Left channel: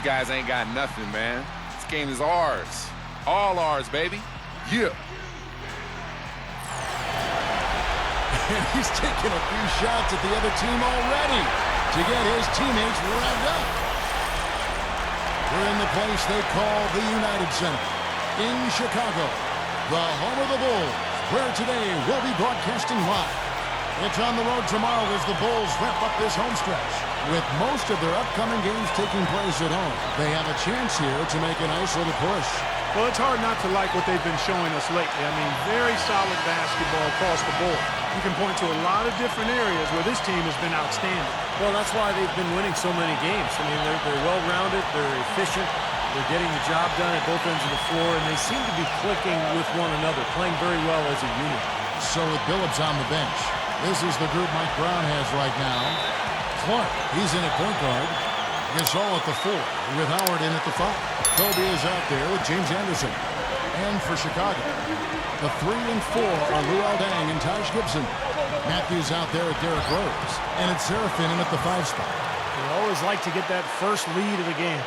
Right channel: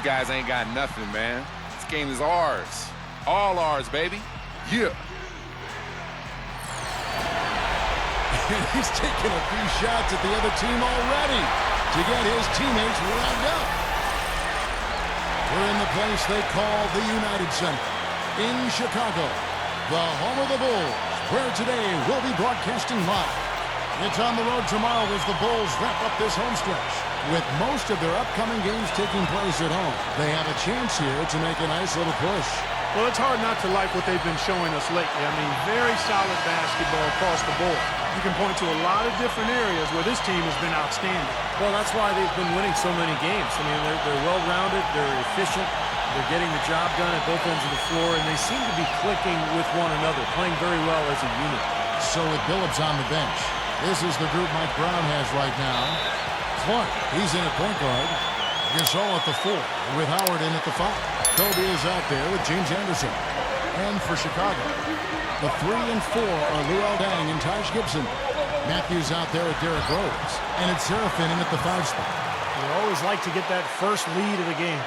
These guys ain't got nothing, man. This game is ours. All ours, baby. Yeah. And he's taking a few shots at the other team already to get his teammates revved up. We're in the place they call the United Center in Chicago, the home of the Bulls, where today we'll be broadcasting live. It's on the road tomorrow as the Bulls wrap up this home stretch. With most of their upcoming games taking place at home, they have a chance here to make a nice little push. Well, it's hard not to like what they've been showing us lately. I mean, very solid basketball across the board. You can point to a lot of different areas where this team has been outstanding. Well, that's why they've been winning so many games. I mean, they're well-rounded, they're efficient, they're getting the job done at both ends of the floor, and they seem to be clicking with one another, playing very well as a unit. So with Billups on the bench, this is the group Mike Brown has right now. Clark, he's in at point guard. Gasol at the 4, with Howard in at the 5. Kobe is out there with James Anderson. And for Chicago, the 3 and 4 are Luol Deng and Taj Gibson. Matthews out there with Derrick Rose. And it's Serafin in at the 5 spot. You always like to get that first lead of the game.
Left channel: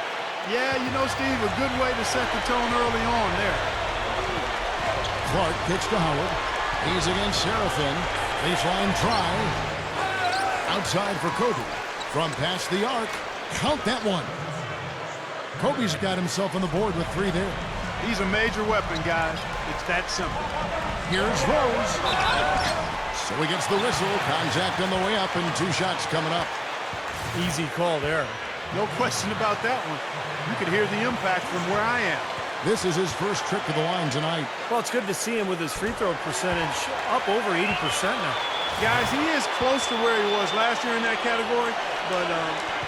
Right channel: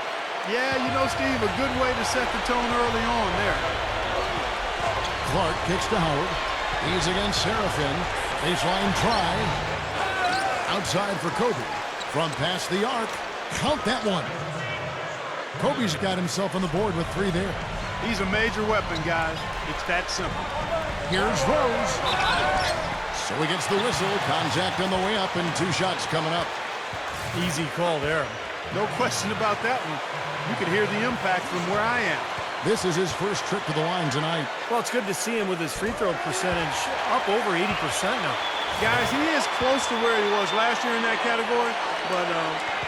Yeah, you know, Steve, a good way to set the tone early on there. Clark kicks to Howard. He's against Serafin. Baseline try. Outside for Kobe. From past the arc. Count that one. Kobe's got himself on the board with 3 there. He's a major weapon, guys. It's that simple. Here's Rose. So he gets the whistle. Contact on the way up and 2 shots coming up. Easy call there. No question about that one. You could hear the impact from where I am. This is his first trip to the line tonight. Well, it's good to see him with his free throw percentage up over 80% now. Guys, he is close to where he was last year in that category, but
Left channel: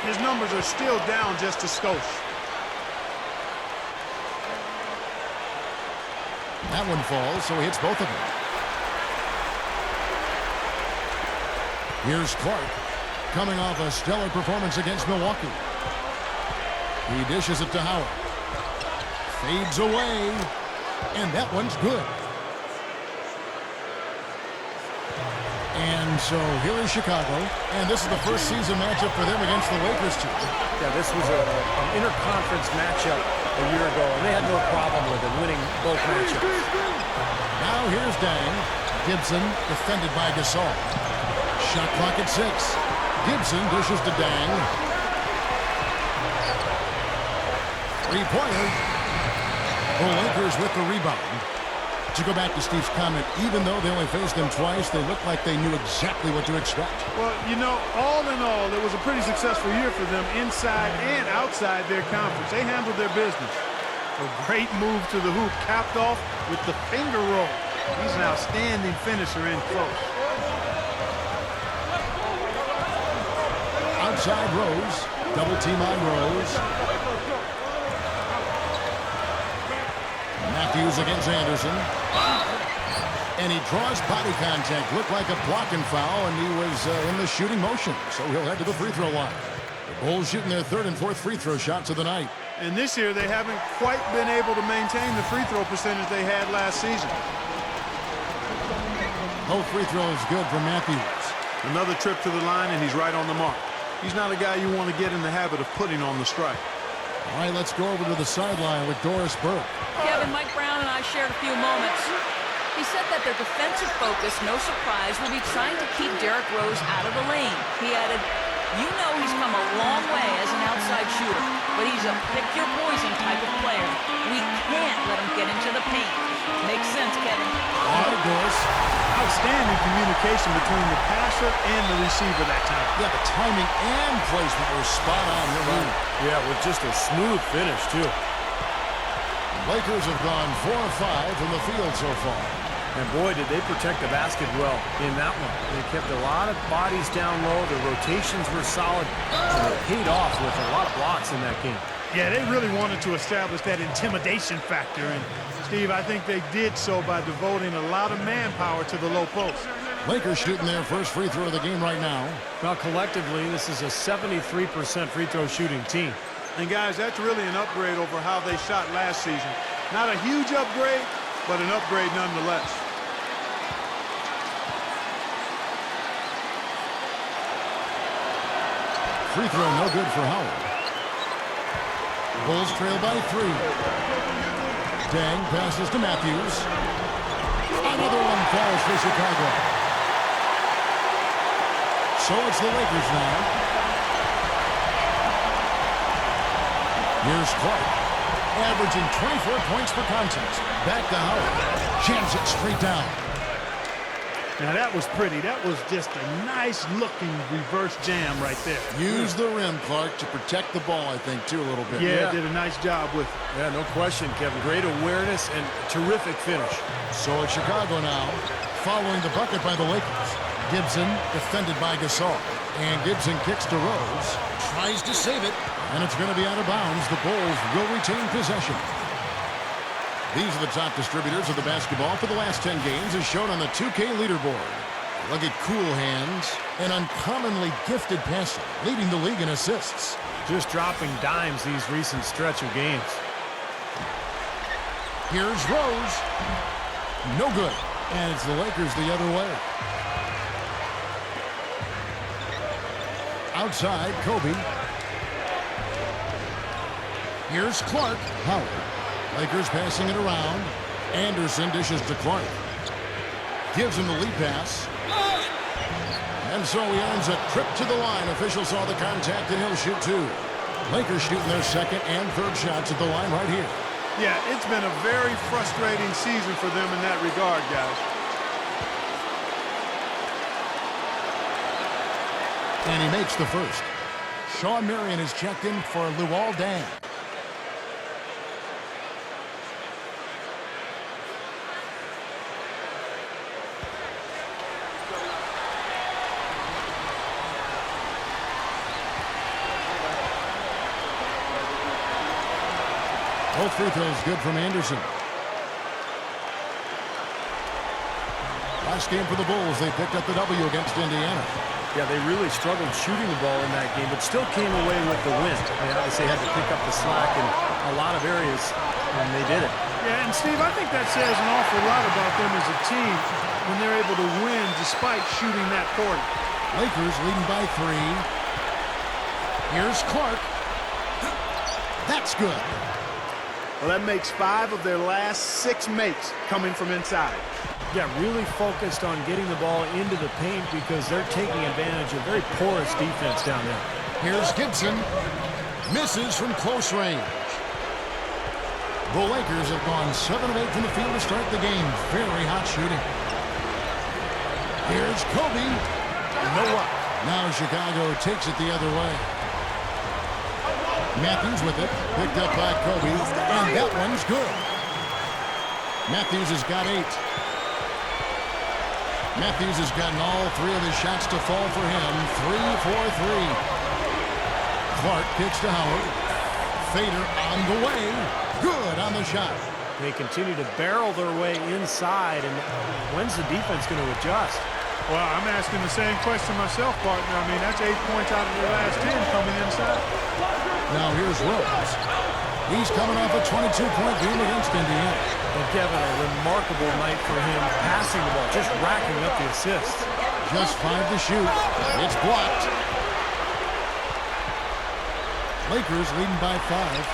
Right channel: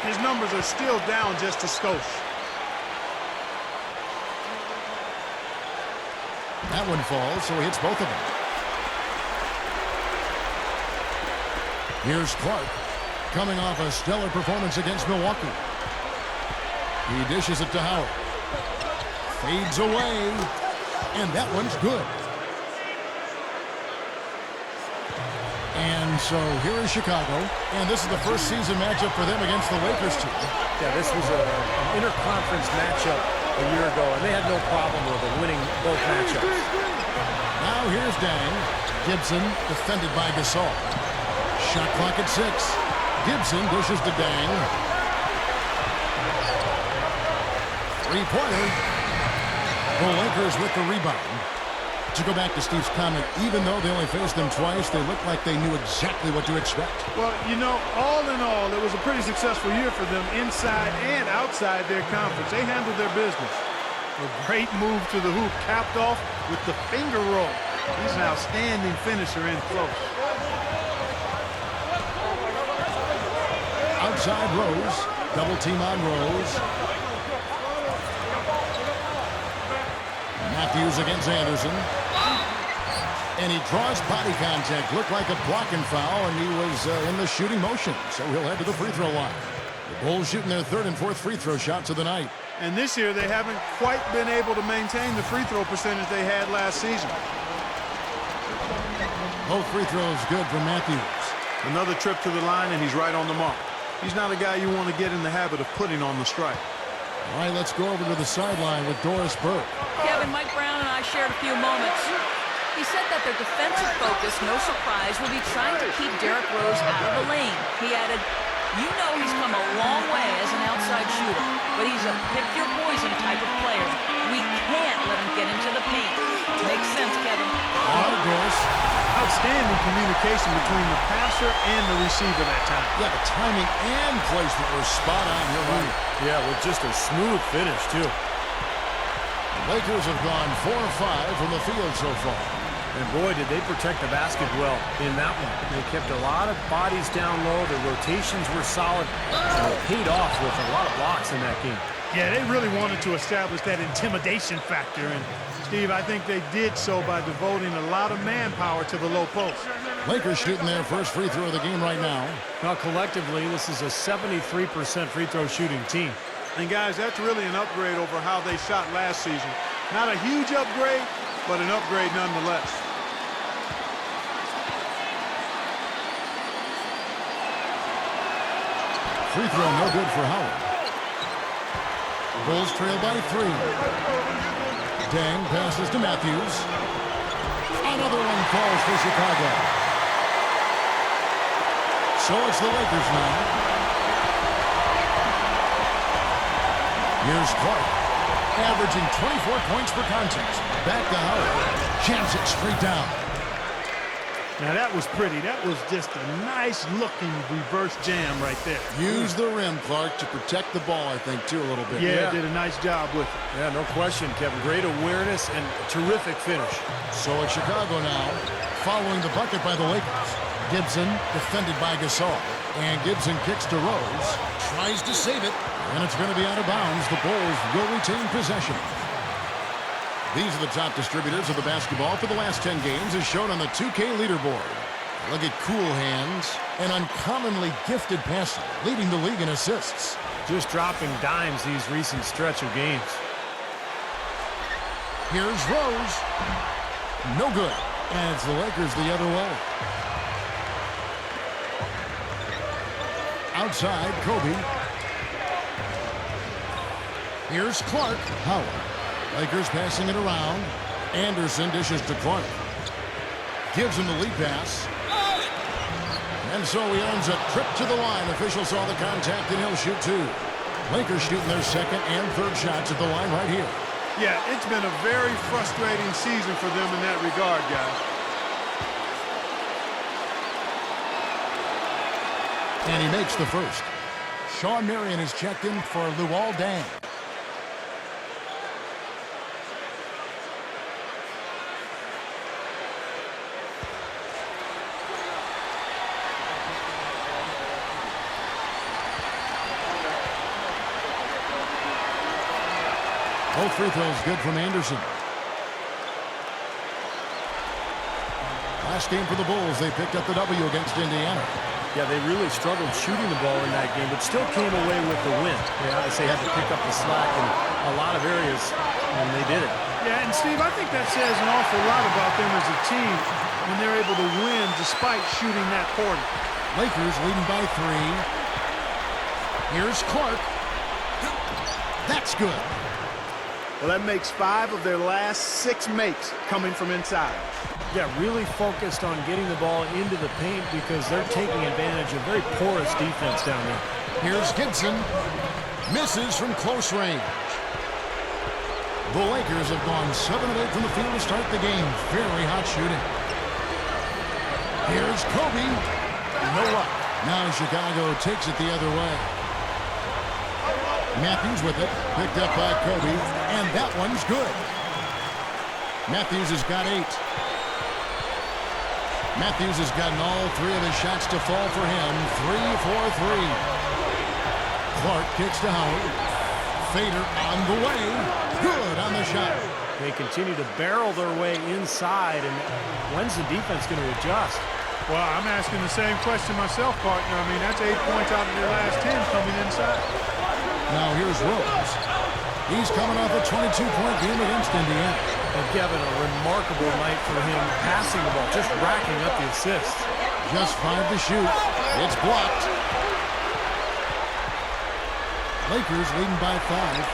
his numbers are still down just a skosh. That one falls, so he hits both of them. Here's Clark, coming off a stellar performance against Milwaukee. He dishes it to Howard. Fades away, and that one's good. And so here is Chicago, and this is the first season matchup for them against the Lakers team. Yeah, this was an interconference matchup a year ago, and they had no problem with it, winning both matchups. Now here's Deng. Gibson defended by Gasol. Shot clock at 6. Gibson dishes to Deng. 3-pointer. The Lakers with the rebound. To go back to Steve's comment, even though they only faced them twice, they looked like they knew exactly what to expect. Well, you know, all in all, it was a pretty successful year for them inside and outside their conference. They handled their business. A great move to the hoop, capped off with the finger roll. He's an outstanding finisher in close. Outside Rose. Double team on Rose. Matthews against Anderson. And he draws body contact. Looked like a blocking foul, and he was in the shooting motion. So he'll head to the free throw line. The Bulls shooting their 3rd and 4th free throw shots of the night. And this year, they haven't quite been able to maintain the free throw percentage they had last season. Both free throws good from Matthews. Another trip to the line, and he's right on the mark. He's not a guy you want to get in the habit of putting on the strike. All right, let's go over to the sideline with Doris Burke. Kevin, Mike Brown and I shared a few moments. He said that their defensive focus, no surprise, will be trying to keep Derrick Rose out of the lane. He added, you know he's come a long way as an outside shooter, but he's a pick-your-poison type of player. We can't let him get into the paint. Makes sense, Kevin. All right, Doris. Outstanding communication between the passer and the receiver that time. Yeah, the timing and placement were spot on. You're right. Yeah, with just a smooth finish, too. Lakers have gone 4 of 5 from the field so far. And boy, did they protect the basket well in that one. They kept a lot of bodies down low. The rotations were solid. And it paid off with a lot of blocks in that game. Yeah, they really wanted to establish that intimidation factor. And, Steve, I think they did so by devoting a lot of manpower to the low post. Lakers shooting their first free throw of the game right now. Well, collectively, this is a 73% free throw shooting team. And, guys, that's really an upgrade over how they shot last season. Not a huge upgrade, but an upgrade nonetheless. Free throw no good for Howard. Bulls trail by 3. Dang passes to Matthews. Another one falls for Chicago. So it's the Lakers now. Here's Clark, averaging 24 points per contest. Back to Howard. Jams it straight down. Now that was pretty. That was just a nice looking reverse jam right there. Use the rim, Clark, to protect the ball, I think, too, a little bit. Yeah, did a nice job with it. Yeah, no question, Kevin. Great awareness and a terrific finish. So it's Chicago now, following the bucket by the Lakers. Gibson defended by Gasol. And Gibson kicks to Rose. Tries to save it. And it's going to be out of bounds. The Bulls will retain possession. These are the top distributors of the basketball for the last 10 games as shown on the 2K leaderboard. Look at cool hands and uncommonly gifted passing, leading the league in assists. Just dropping dimes these recent stretch of games. Here's Rose. No good. And it's the Lakers the other way. Outside, Kobe. Here's Clark. Howard. Lakers passing it around. Anderson dishes to Clark. Gives him the lead pass. And so he earns a trip to the line. Officials saw the contact and he'll shoot 2. Lakers shooting their second and third shots at the line right here. Yeah, it's been a very frustrating season for them in that regard, guys. And he makes the first. Sean Marion is checked in for DWYANE. Both free throws good from Anderson. Last game for the Bulls, they picked up the W against Indiana. Yeah, they really struggled shooting the ball in that game, but still came away with the win. They obviously had to pick up the slack in a lot of areas, and they did it. Yeah, and Steve, I think that says an awful lot about them as a team when they're able to win despite shooting that poorly. Lakers leading by 3. Here's Clark. That's good. Well, that makes 5 of their last 6 makes coming from inside. Yeah, really focused on getting the ball into the paint because they're taking advantage of very porous defense down there. Here's Gibson. Misses from close range. The Lakers have gone 7 of 8 from the field to start the game. Very hot shooting. Here's Kobe. No luck. Now Chicago takes it the other way. Matthews with it. Picked up by Kobe. And that one's good. Matthews has got 8. Matthews has gotten all 3 of his shots to fall for him. 3 for 3. Clark kicks to Howard. Fader on the way. Good on the shot. They continue to barrel their way inside, and when's the defense going to adjust? Well, I'm asking the same question myself, partner. I mean, that's 8 points out of their last 10 coming inside. Now here's Rose. He's coming off a 22-point game against Indiana. And Kevin, a remarkable night for him passing the ball, just racking up the assists. Just 5 to shoot. It's blocked. Lakers leading by 5.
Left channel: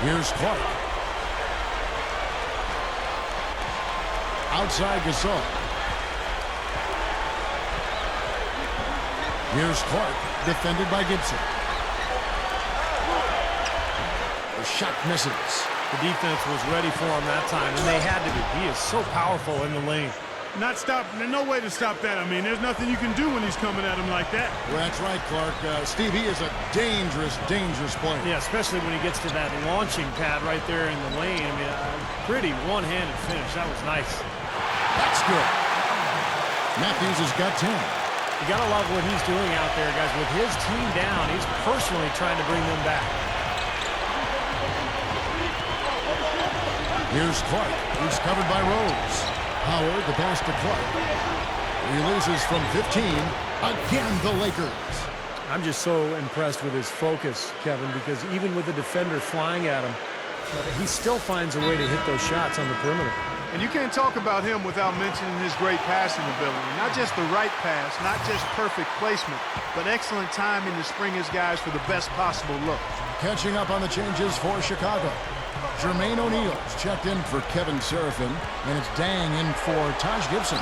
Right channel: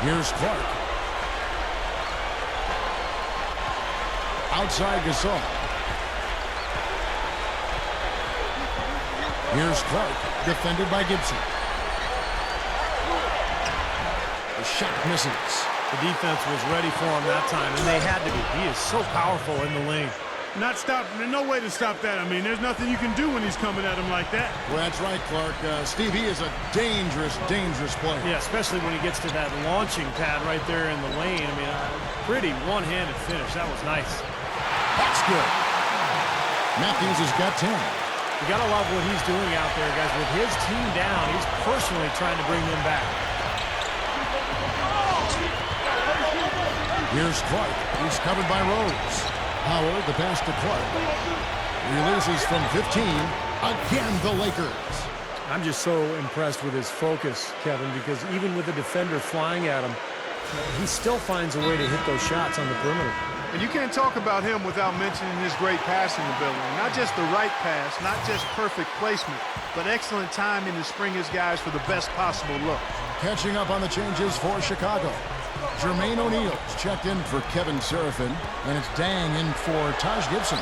Here's Clark. Outside Gasol. Here's Clark, defended by Gibson. The shot misses. The defense was ready for him that time, and they had to be. He is so powerful in the lane. Not stop. There's no way to stop that. I mean, there's nothing you can do when he's coming at him like that. Well, that's right, Clark. Steve, he is a dangerous, dangerous player. Yeah, especially when he gets to that launching pad right there in the lane. I mean, pretty one-handed finish. That was nice. That's good. Matthews has got 10. You got to love what he's doing out there, guys. With his team down, he's personally trying to bring them back. Here's Clark. He's covered by Rose. Howard, the pass to Clark. Releases from 15. Again, the Lakers. I'm just so impressed with his focus, Kevin, because even with the defender flying at him, he still finds a way to hit those shots on the perimeter. And you can't talk about him without mentioning his great passing ability. Not just the right pass, not just perfect placement, but excellent timing to spring his guys for the best possible look. Catching up on the changes for Chicago. Jermaine O'Neal's checked in for Kevin Seraphin, and it's Dang in for Taj Gibson.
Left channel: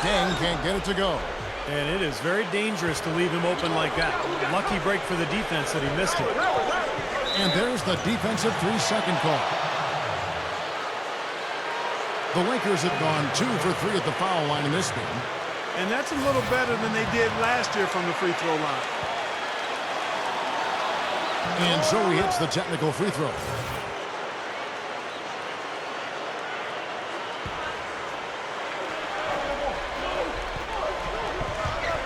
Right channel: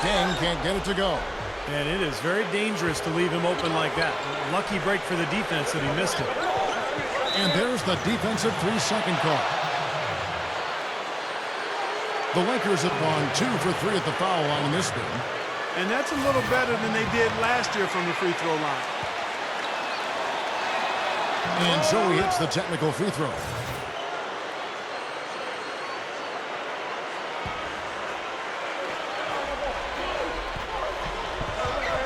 Dang can't get it to go. And it is very dangerous to leave him open like that. Lucky break for the defense that he missed it. And there's the defensive 3-second call. The Lakers have gone 2 for 3 at the foul line in this game. And that's a little better than they did last year from the free throw line. And so he hits the technical free throw.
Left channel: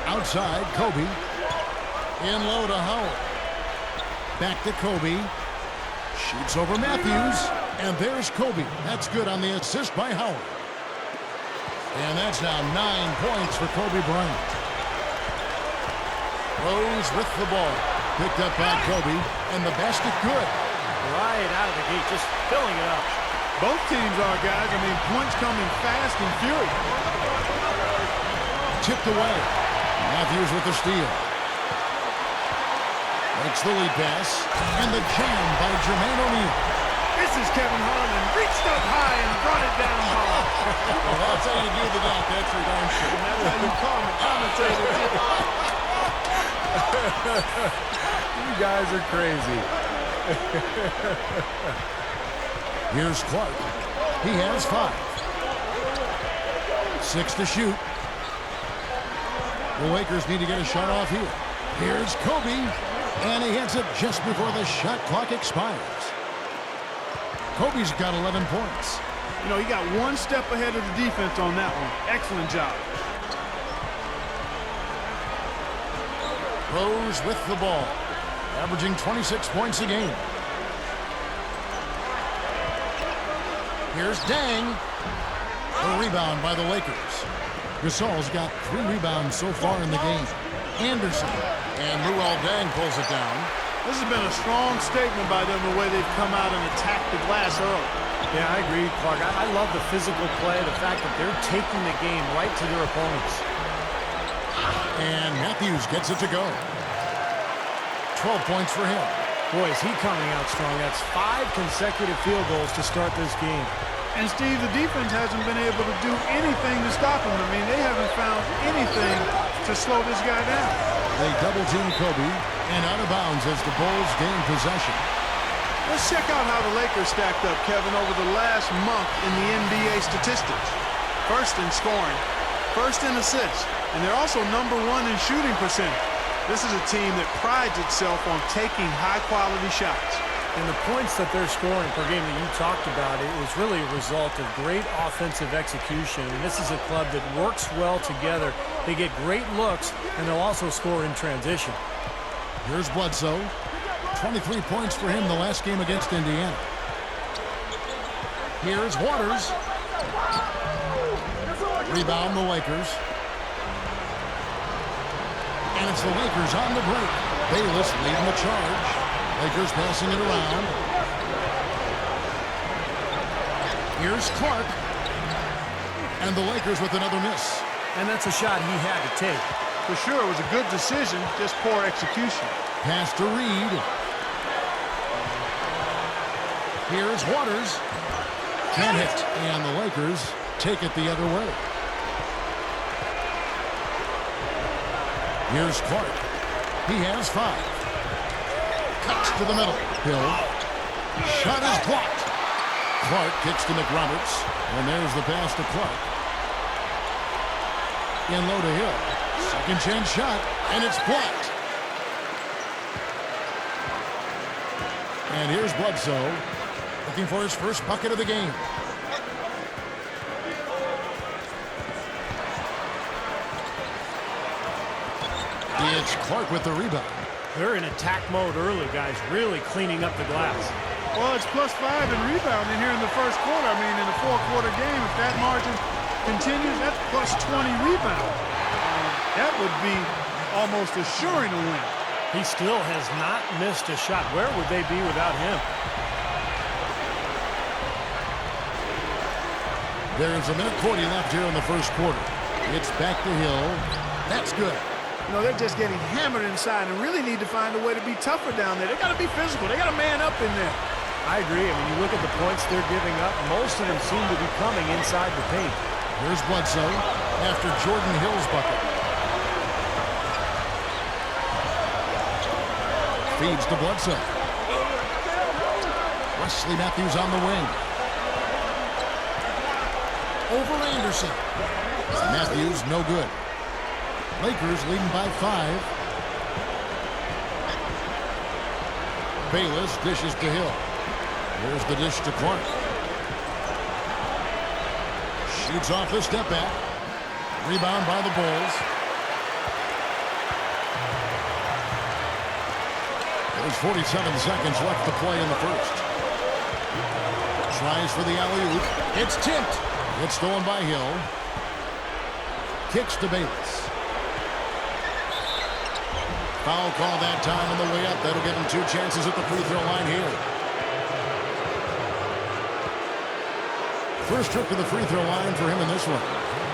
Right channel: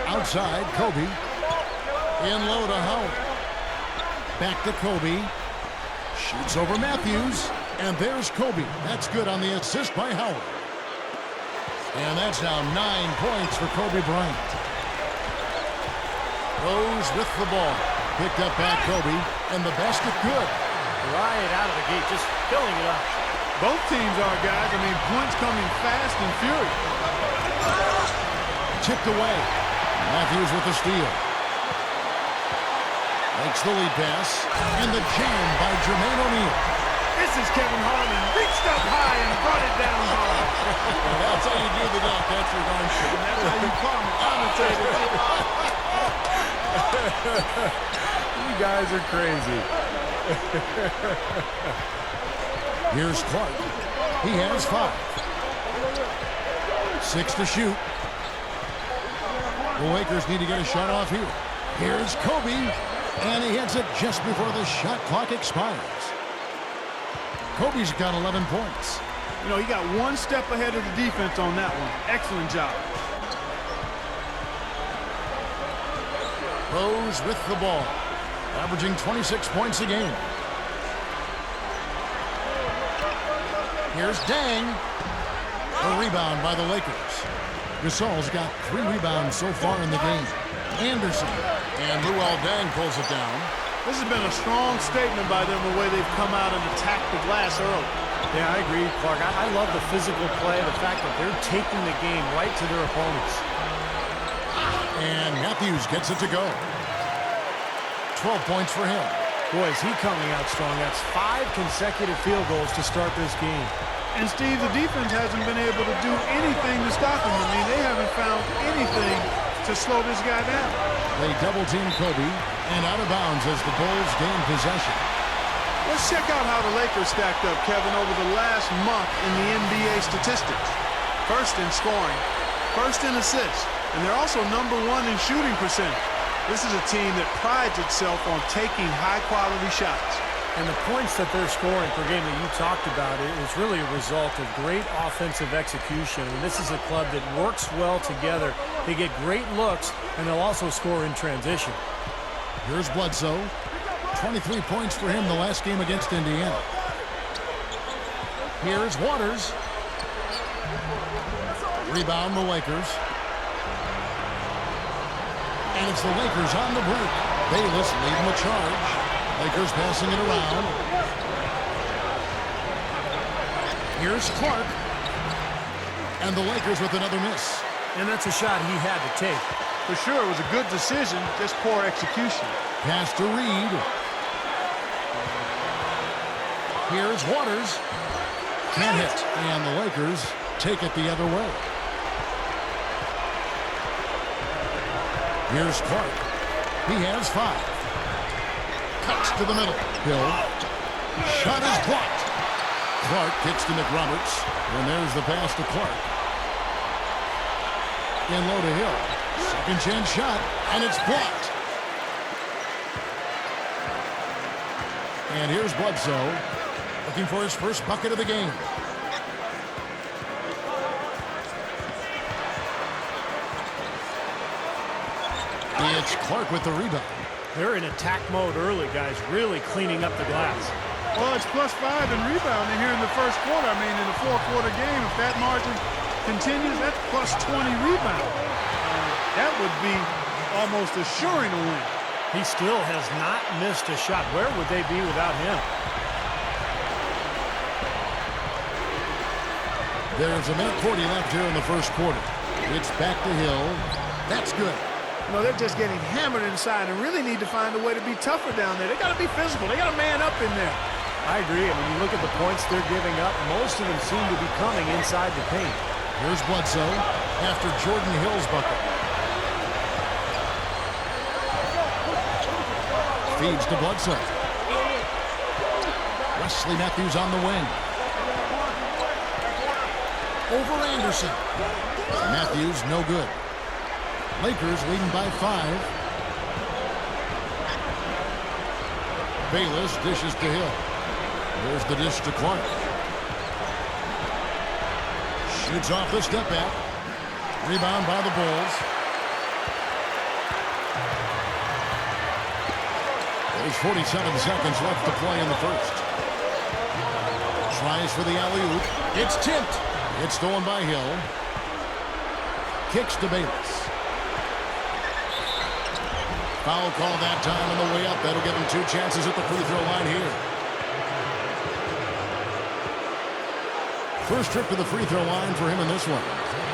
Outside, Kobe. In low to Howard. Back to Kobe. Shoots over Matthews. And there's Kobe. That's good on the assist by Howard. And that's now 9 points for Kobe Bryant. Rose with the ball. Picked up by Kobe. And the basket good. Right out of the gate, just filling it up. Both teams are, guys. I mean, points coming fast and furious. Tipped away. Matthews with the steal. Makes the lead pass. And the jam by Jermaine O'Neal. This is Kevin Harlan. Reached up high and brought it down hard. Well, that's how you do the dunk. That's for darn sure. And that's how you commentate it. You guys are crazy. Here's Clark. He has 5. 6 to shoot. The Lakers need to get a shot off here. Here's Kobe. And he hits it just before the shot clock expires. Kobe's got 11 points. You know, he got one step ahead of the defense on that one. Excellent job. Rose with the ball. Averaging 26 points a game. Here's Dang. A rebound by the Lakers. Gasol's got 3 rebounds so far in the game. Anderson. And Luol Deng pulls it down. This has been a strong statement by them, the way they've come out and attacked the glass early. Yeah, I agree, Clark. I love the physical play, the fact that they're taking the game right to their opponents. And Matthews gets it to go. 12 points for him. Boy, is he coming out strong. That's 5 consecutive field goals to start this game. And, Steve, the defense hasn't been able to do anything to stop him. I mean, they haven't found anything to slow this guy down. They double-team Kobe, and out of bounds as the Bulls gain possession. Let's check out how the Lakers stacked up, Kevin, over the last month in the NBA statistics. First in scoring, first in assists, and they're also #1 in shooting percentage. This is a team that prides itself on taking high-quality shots. And the points that they're scoring per game that you talked about is really a result of great offensive execution. I mean, this is a club that works well together. They get great looks, and they'll also score in transition. Here's Bledsoe. 23 points for him the last game against Indiana. Here's Waters. Rebound the Lakers. And it's the Lakers on the break. Bayless leading the charge. Lakers passing it around. Here's Clark. And the Lakers with another miss. And that's a shot he had to take. For sure, it was a good decision, just poor execution. Pass to Reed. Here's Waters. Can't hit. And the Lakers take it the other way. Here's Clark. He has 5. Cuts to the middle. Hill. Shot is blocked. Clark kicks to McRoberts. And there's the pass to Clark. In low to Hill. Second chance shot. And it's blocked. And here's Bledsoe. Looking for his first bucket of the game. It's Clark with the rebound. They're in attack mode early, guys, really cleaning up the glass. Well, it's +5 in rebounding here in the first quarter. I mean, in a 4-quarter game, if that margin continues, that's +20 rebounds. That would be almost assuring a win. He still has not missed a shot. Where would they be without him? There's 1:40 left here in the first quarter. It's back to Hill. That's good. You know, they're just getting hammered inside and really need to find a way to be tougher down there. They got to be physical. They got to man up in there. I agree. I mean, you look at the points they're giving up. Most of them seem to be coming inside the paint. Here's Bledsoe after Jordan Hill's bucket. Feeds to Bledsoe. Wesley Matthews on the wing. Over Anderson. Matthews, no good. Lakers leading by 5. Bayless dishes to Hill. There's the dish to Clark. Shoots off the step back. Rebound by the Bulls. There's 47 seconds left to play in the first. Tries for the alley-oop. It's tipped. It's stolen by Hill. Kicks to Bayless. Foul call that time on the way up. That'll give him 2 chances at the free throw line here. First trip to the free throw line for him in this one.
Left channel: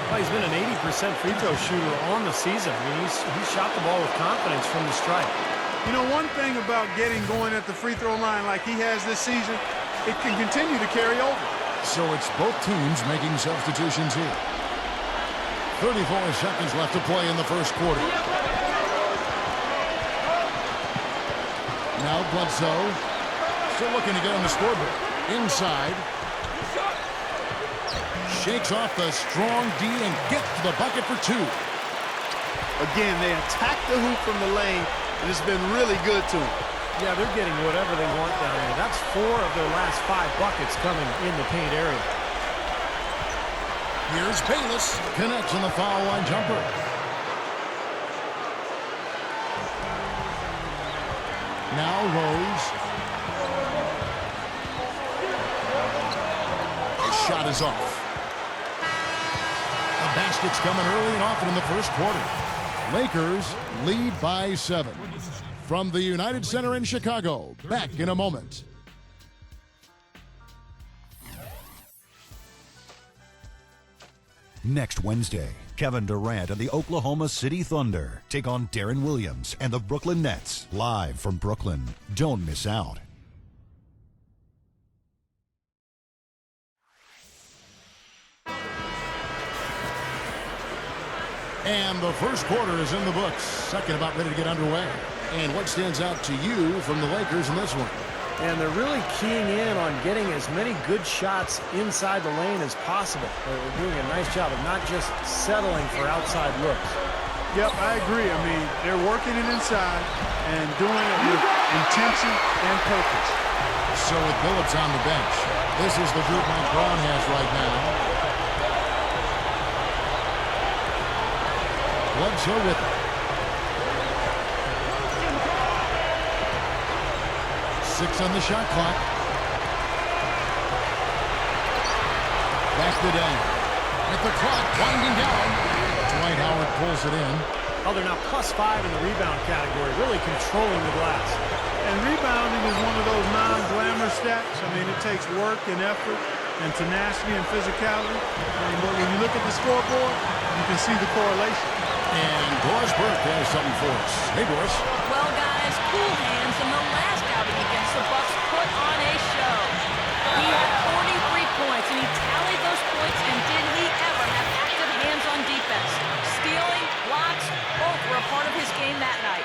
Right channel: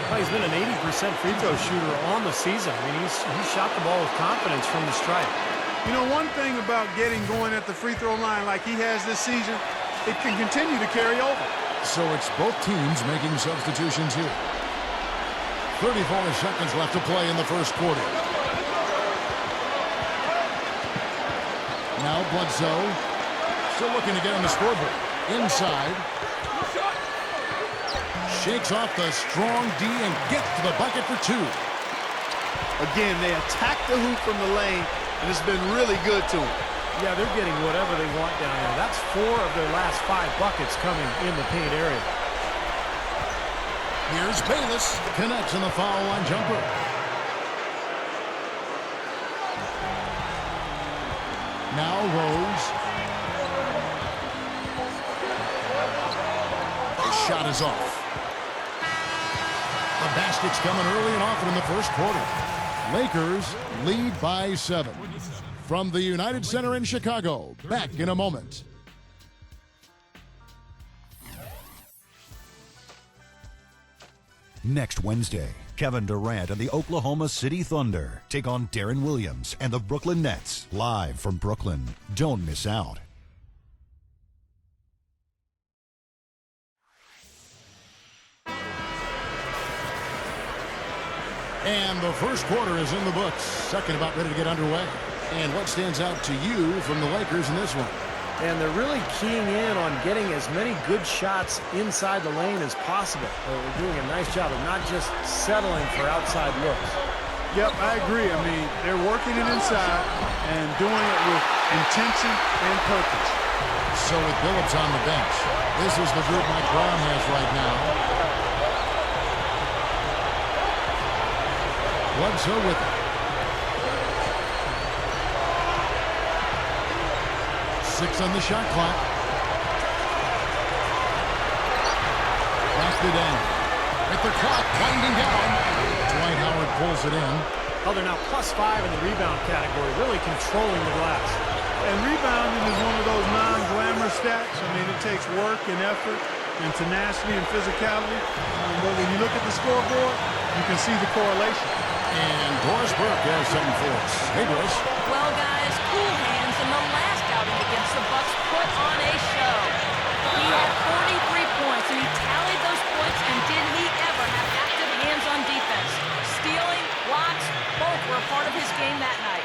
Well, he's been an 80% free throw shooter on the season. I mean, he's shot the ball with confidence from the stripe. You know, one thing about getting going at the free throw line like he has this season, it can continue to carry over. So it's both teams making substitutions here. 34 seconds left to play in the first quarter. Now Bledsoe still looking to get on the scoreboard. Inside. Shakes off the strong D and gets to the bucket for 2. Again, they attack the hoop from the lane, and it's been really good to them. Yeah, they're getting whatever they want down there. That's 4 of their last 5 buckets coming in the paint area. Here's Bayless. Connects on the foul line jumper. Now Rose. His shot is off. The basket's coming early and often in the first quarter. Lakers lead by 7. From the United Center in Chicago, back in a moment. Next Wednesday, Kevin Durant and the Oklahoma City Thunder take on Darren Williams and the Brooklyn Nets, live from Brooklyn. Don't miss out. And the first quarter is in the books. Second about ready to get underway. And what stands out to you from the Lakers in this one? And they're really keying in on getting as many good shots inside the lane as possible. They're doing a nice job of not just settling for outside looks. Yep, I agree. I mean, they're working it inside and doing it with intention and purpose. So with Billups on the bench, this is the group Mike Brown has right now. Bledsoe with it. 6 on the shot clock. Back to Dang. With the clock winding down, Dwight Howard pulls it in. Oh, they're now +5 in the rebound category, really controlling the glass. And rebounding is one of those non-glamorous stats. I mean, it takes work and effort and tenacity and physicality. But when you look at the scoreboard, you can see the correlation. And Doris Burke has something for us. Hey, Doris. Well, guys, cool hands in the last outing against the Bucks put on a show. He had 43 points, and he tallied those points, and did he ever have active hands on defense? Stealing, blocks, both were a part of his game that night.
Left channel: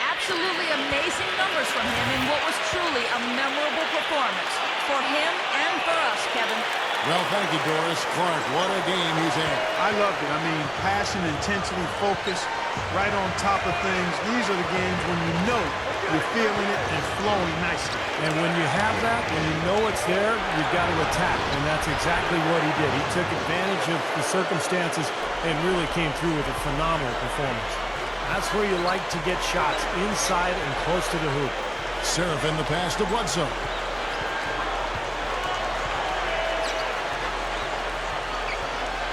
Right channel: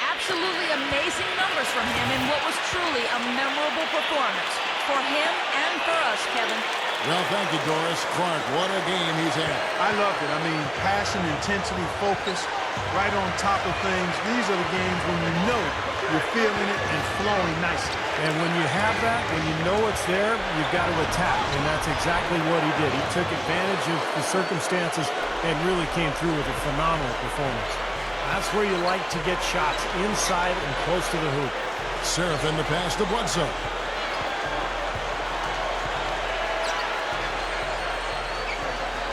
Absolutely amazing numbers from him in what was truly a memorable performance. For him and for us, Kevin. Well, thank you, Doris. Clark, what a game he's had. I loved it. I mean, passion, intensity, focus, right on top of things. These are the games when you know you're feeling it and flowing nicely. And when you have that, when you know it's there, you've got to attack. And that's exactly what he did. He took advantage of the circumstances and really came through with a phenomenal performance. That's where you like to get shots, inside and close to the hoop. Seraphin the pass to Bledsoe.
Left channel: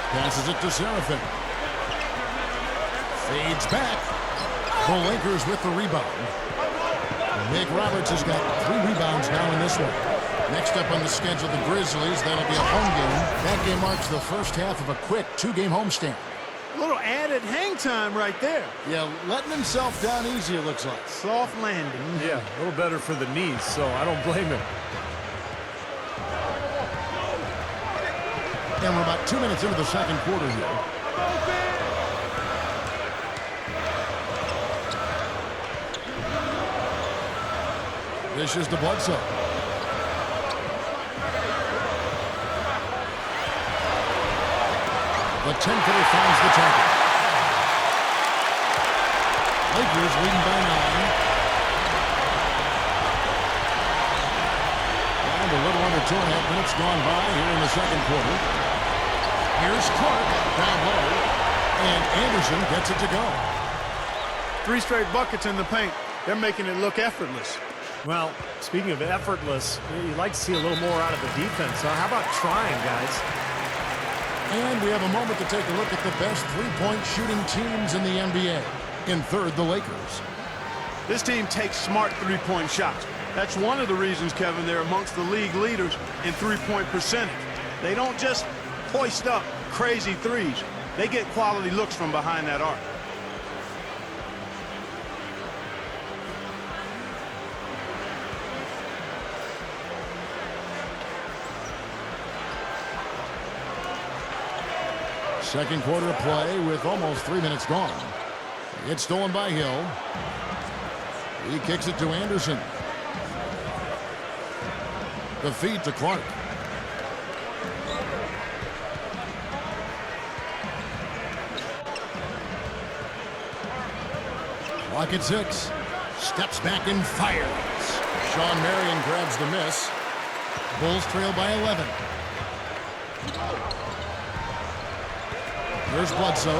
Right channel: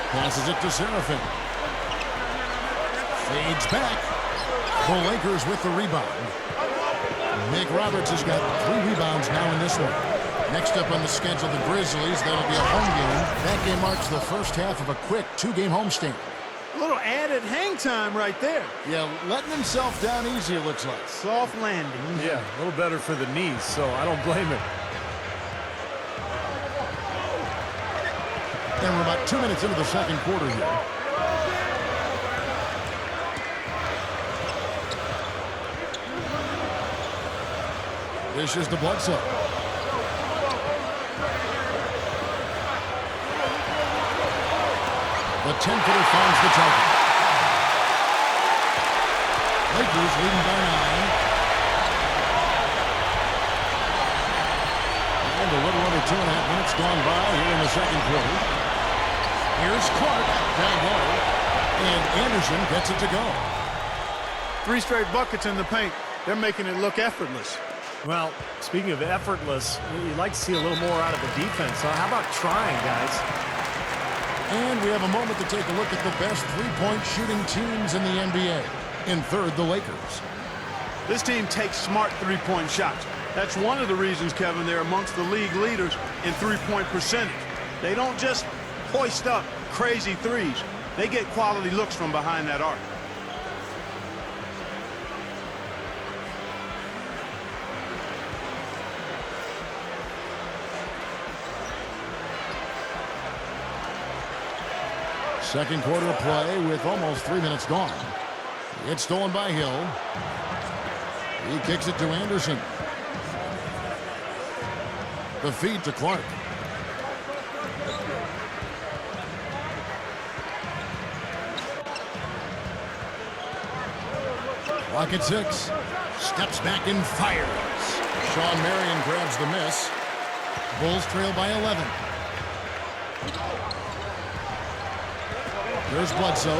Passes it to Seraphin. Fades back. The Lakers with the rebound. Nick Roberts has got 3 rebounds now in this one. Next up on the schedule, the Grizzlies. That'll be a home game. That game marks the first half of a quick 2-game homestand. A little added hang time right there. Yeah, letting himself down easy, it looks like. Soft landing. Yeah, a little better for the knees, so I don't blame him. And we're about 2 minutes into the second quarter here. This is the Bledsoe. The 10-footer finds the target. Lakers leading by 9. And a little under 2.5 minutes gone by here in the second quarter. Here's Clark down low. And Anderson gets it to go. 3 straight buckets in the paint. They're making it look effortless. Well, speaking of effortless, you'd like to see a little more out of the defense. So how about trying, guys? And we have a moment to take a look at the best three-point shooting teams in the NBA. In third, the Lakers. This team takes smart three-point shots. That's one of the reasons, Kevin, they're amongst the league leaders in three-point percentage. They don't just hoist up crazy threes. They get quality looks from behind that arc. Second quarter of play with almost 3 minutes gone. It's stolen by Hill. He kicks it to Anderson. The feed to Clark. Clock at 6. Steps back and fires. Sean Marion grabs the miss. Bulls trail by 11. Here's Bledsoe,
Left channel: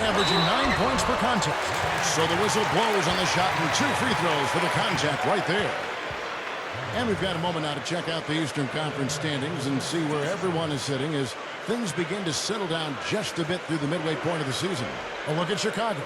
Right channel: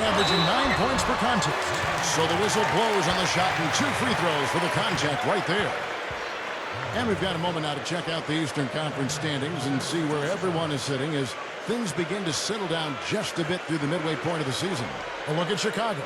averaging 9 points per contest. So the whistle blows on the shot and 2 free throws for the contact right there. And we've got a moment now to check out the Eastern Conference standings and see where everyone is sitting as things begin to settle down just a bit through the midway point of the season. A look at Chicago.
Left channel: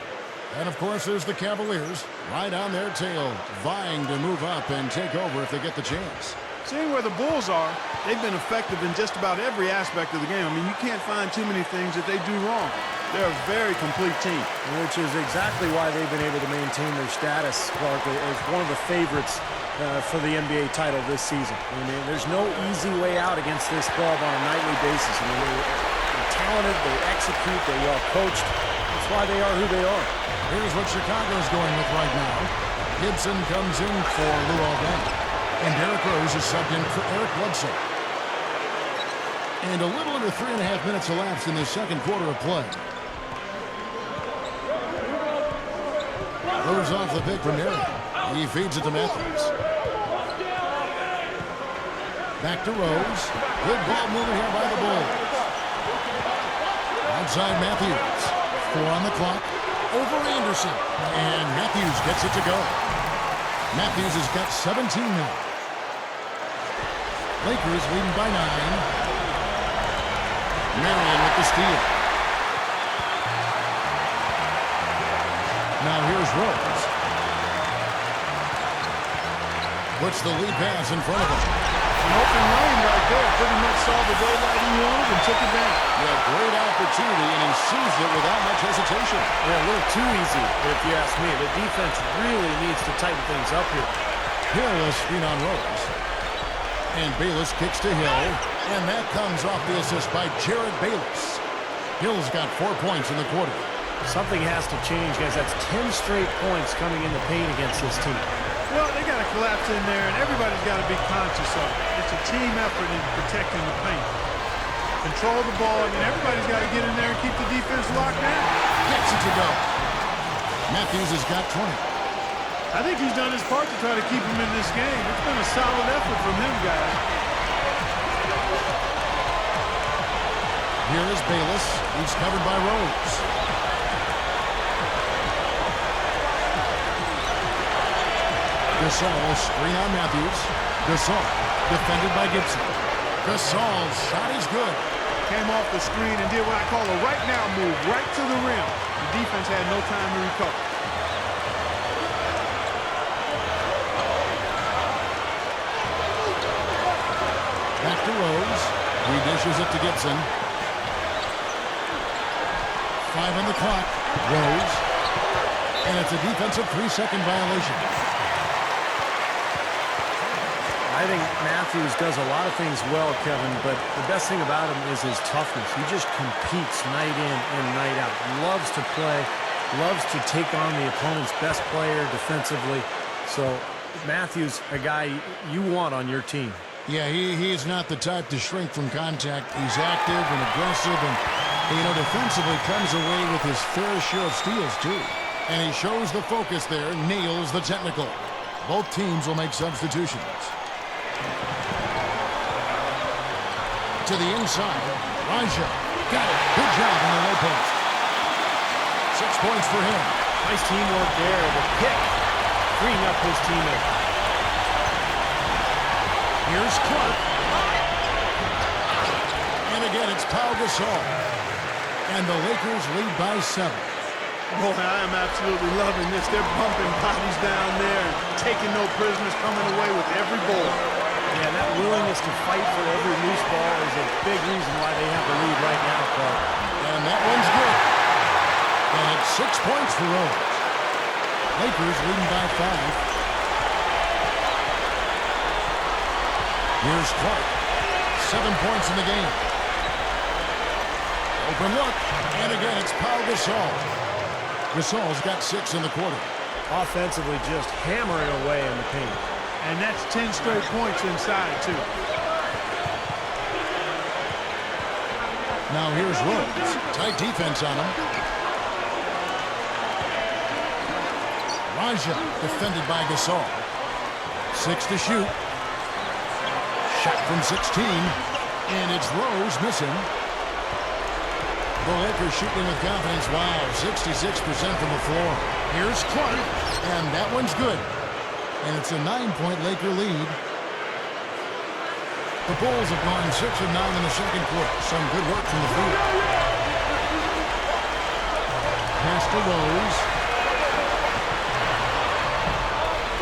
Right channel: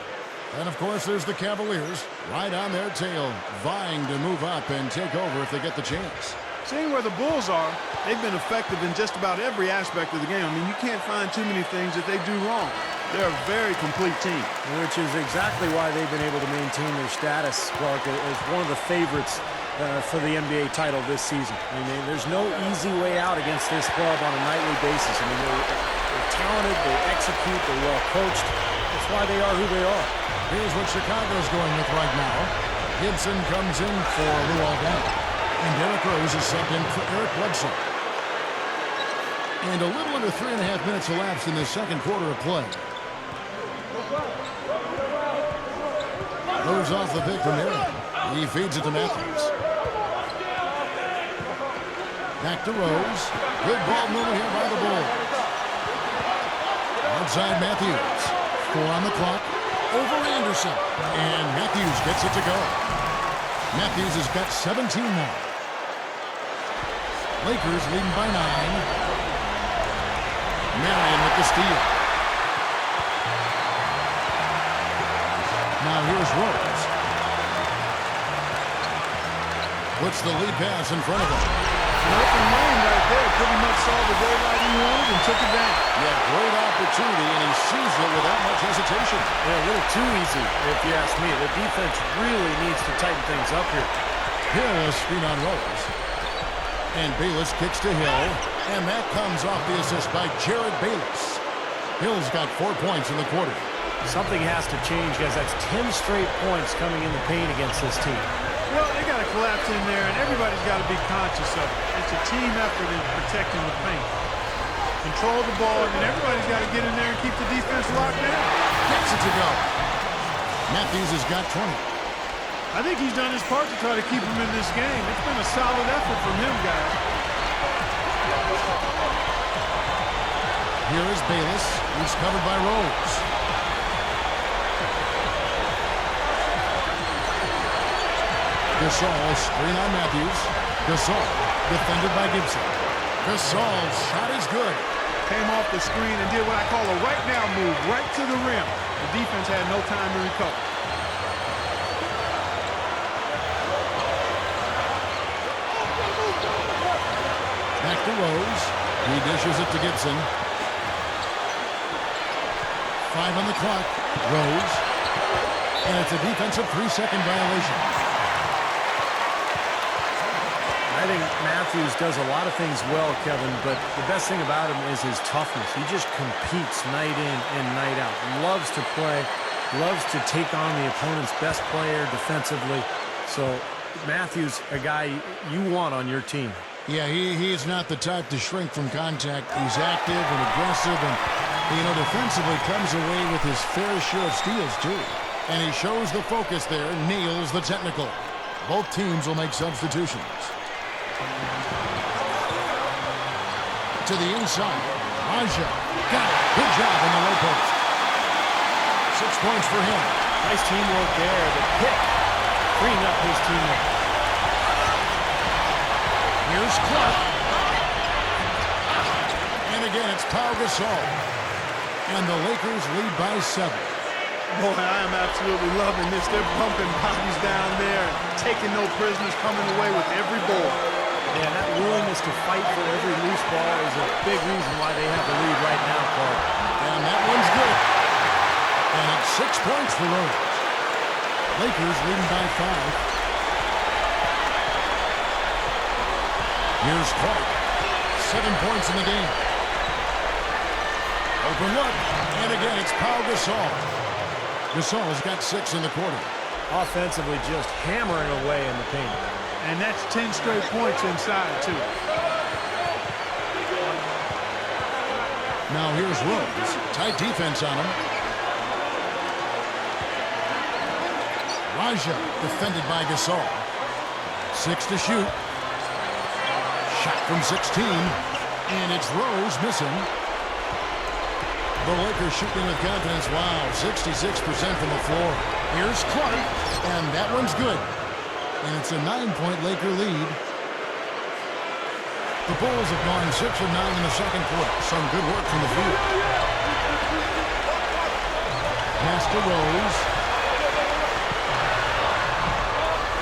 And, of course, there's the Cavaliers right on their tail, vying to move up and take over if they get the chance. Seeing where the Bulls are, they've been effective in just about every aspect of the game. I mean, you can't find too many things that they do wrong. They're a very complete team. Which is exactly why they've been able to maintain their status, Clark, as one of the favorites for the NBA title this season. I mean, there's no easy way out against this club on a nightly basis. I mean, they're talented, they execute, they're well coached. That's why they are who they are. Here's what Chicago's going with right now. Gibson comes in for Luol Deng. And Derrick Rose is subbed in for Eric Bledsoe. And a little under 3.5 minutes elapsed in the second quarter of play. Rose off the pick from Marion. He feeds it to Matthews. Back to Rose. Good ball movement here by the Bulls. Outside Matthews. 4 on the clock. Over Anderson. And Matthews gets it to go. Matthews has got 17 now. Lakers leading by 9. Marion with the steal. Now here's Rose. Puts the lead pass in front of him. An open lane right there. Pretty much saw the daylight he wanted and took advantage. Yeah, great opportunity, and he seized it without much hesitation. Yeah, a little too easy, if you ask me. The defense really needs to tighten things up here. Hill a screen on Rose. And Bayless kicks to Hill. And that comes off the assist by Jared Bayless. Hill's got 4 points in the quarter. Something has to change, guys. That's 10 straight points coming in the paint against this team. Well, they got to collapse in there, and everybody's got to be conscious of it. It's a team effort in protecting the paint. Control the ball, and then everybody's got to get in there and keep the defense locked down. Gets it to go. Matthews has got 20. I think he's done his part to try to keep him in this game. It's been a solid effort from him, guys. Here is Bayless. He's covered by Rose. Gasol, a screen on Matthews. Gasol, defended by Gibson. Gasol's shot is good. Came off the screen and did what I call a right now move, right to the rim. The defense had no time to recover. Back to Rose. He dishes it to Gibson. 5 on the clock. Rose. And it's a defensive 3-second violation. I think Matthews does a lot of things well, Kevin, but the best thing about him is his toughness. He just competes night in and night out. Loves to play, loves to take on the opponent's best player defensively. So Matthews, a guy you want on your team. Yeah, he is not the type to shrink from contact. He's active and aggressive, and, defensively comes away with his fair share of steals, too. And he shows the focus there, nails the technical. Both teams will make substitutions. To the inside, Raja got it. Good job on the low post. 6 points for him. Nice teamwork there. The pick, freeing up his teammate. Here's Clark. And again, it's Pau Gasol. And the Lakers lead by 7. Boy, I am absolutely loving this. They're bumping bodies down there and taking no prisoners, coming away with every ball. Yeah, that willingness to fight for every loose ball is a big reason why they have the lead right now, Clark. And that one's good. And it's 6 points for Rose. Lakers leading by 5. Here's Clark. 7 points in the game. Open look. And again, it's Pau Gasol. Gasol's got 6 in the quarter. Offensively, just hammering away in the paint. And that's 10 straight points inside, too. Now here's Rose. Tight defense on him. Raja defended by Gasol. 6 to shoot. Shot from 16. And it's Rose missing. The Lakers shooting with confidence. Wow, 66% from the floor. Here's Clark. And that one's good. And it's a 9-point Laker lead. The Bulls have gone 6 of 9 in the second quarter. Some good work from the field. Pass to Rose.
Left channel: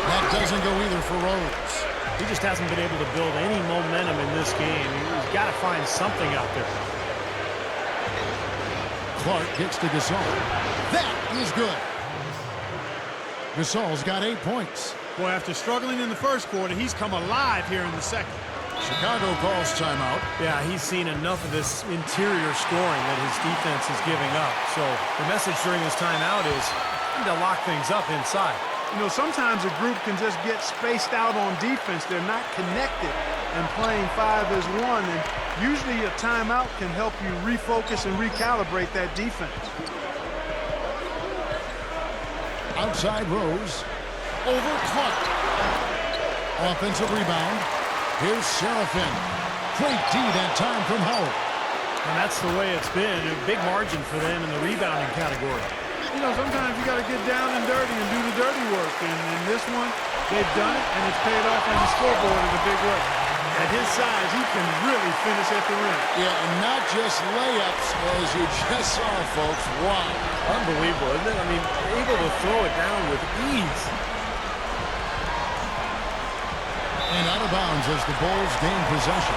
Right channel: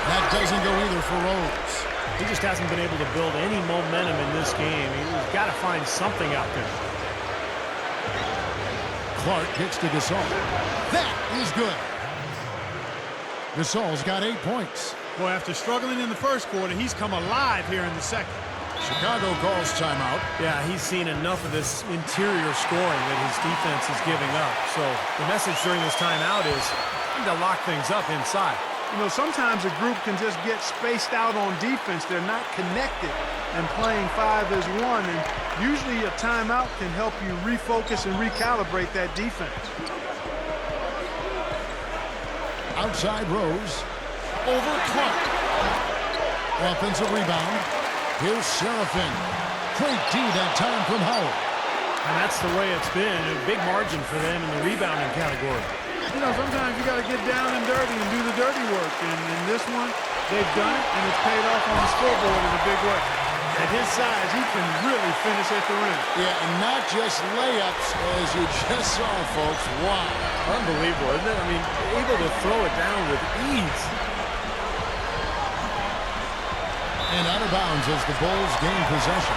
That doesn't go either for Rose. He just hasn't been able to build any momentum in this game. He's got to find something out there. Clark kicks to Gasol. That is good. Gasol's got 8 points. Boy, after struggling in the first quarter, he's come alive here in the second. Chicago calls timeout. Yeah, he's seen enough of this interior scoring that his defense is giving up. So the message during this timeout is to lock things up inside. Sometimes a group can just get spaced out on defense. They're not connected and playing 5 as 1. And usually a timeout can help you refocus and recalibrate that defense. Outside Rose. Over Clark. Offensive rebound. Here's Seraphin. Great D that time from Howard. And that's the way it's been. A big margin for them in the rebounding category. Sometimes you got to get down and dirty and do the dirty work. And in this one, they've done it, and it's paid off on the scoreboard in a big way. At his size, he can really finish at the rim. Yeah, and not just layups, as you just saw, folks. Wow. Unbelievable, isn't it? I mean, able to throw it down with ease. And out of bounds as the Bulls gain possession.